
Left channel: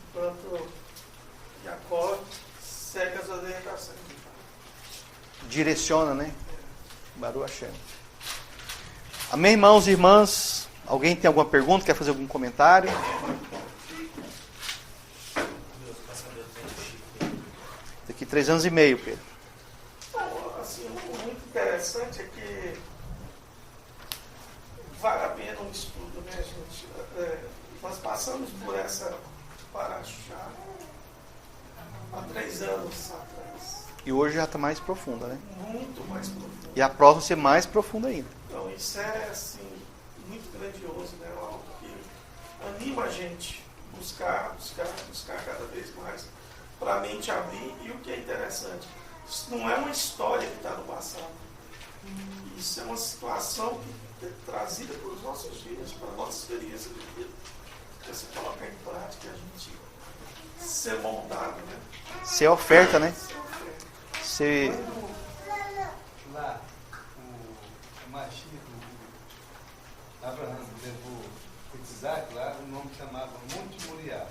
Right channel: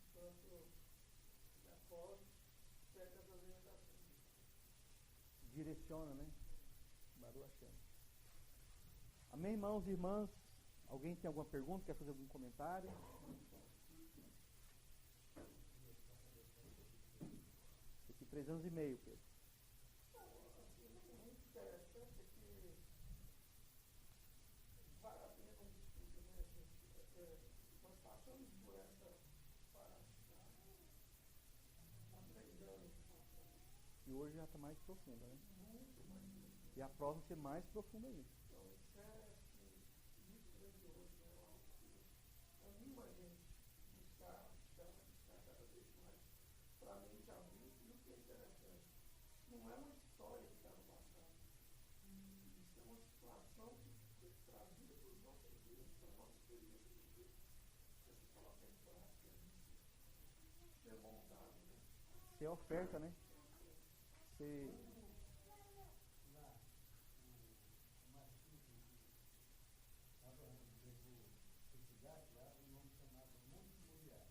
Enquanto Jacó segue as orientações. Direciona, né? Baruch Hashem. Amém, irmãos e irmãs? Alguém tem alguma pergunta? Quer fazer algum comentário? Daqui 3 anos e meio, Pedro. Assim, muito interessante é que vale a pena um estudo, né, gente? Nós passamos por essa paraxá há 3 anos atrás. E hoje já está mais profunda, né? Muito mais profunda. E a próxima vai ser mais profunda ainda. Então, isso é, assim, muito grandioso, né? Algo que anima a gente buscar cada vez mais, para a mente abrir. E o que é interessante, isso não é uma história que está no passado. Isso é uma situação que é trazida para os nossos dias, para a nossa experiência de vida. Que você coloca em prática, a gente ser moldado, né? Ser oferta, né? Ser oferta. Ser... Lá, o Mashiach, o Abraão levou o Itzhak lá, o nome chamava Monte Moriá.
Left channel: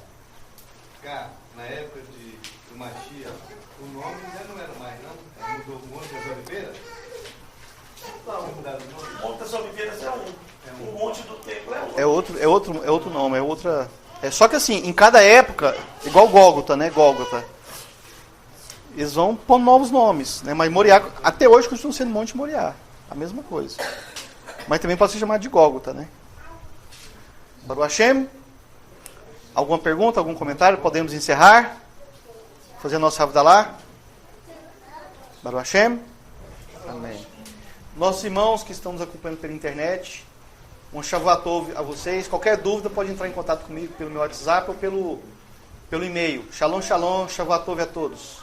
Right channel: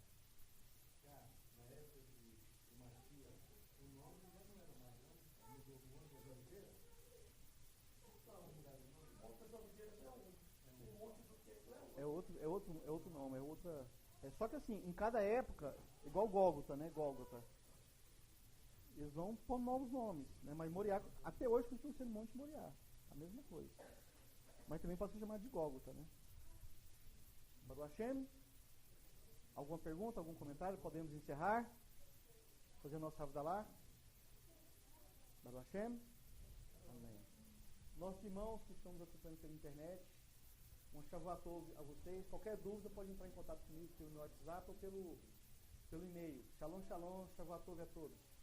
Cá, na época do Mashiach, o nome já não era mais, não? Mudou o Monte das Oliveiras? Não, o Monte das Oliveiras é um. O Monte do Templo é outro. É outro nome, é outra... Só que assim, em cada época, igual Gólgota, né? Gólgota. Eles vão pôr novos nomes, né? Mas Moriá, até hoje, continua sendo Monte Moriá. A mesma coisa. Mas também pode ser chamado de Gólgota, né? Baruch Hashem? Alguma pergunta, algum comentário? Podemos encerrar? Fazer nosso Havdalah? Baruch Hashem? Amém. Nossos irmãos que estão nos acompanhando pela internet, um Shavuot Tov a vocês. Qualquer dúvida pode entrar em contato comigo pelo meu WhatsApp ou pelo e-mail. Shalom, shalom, Shavuot Tov a todos.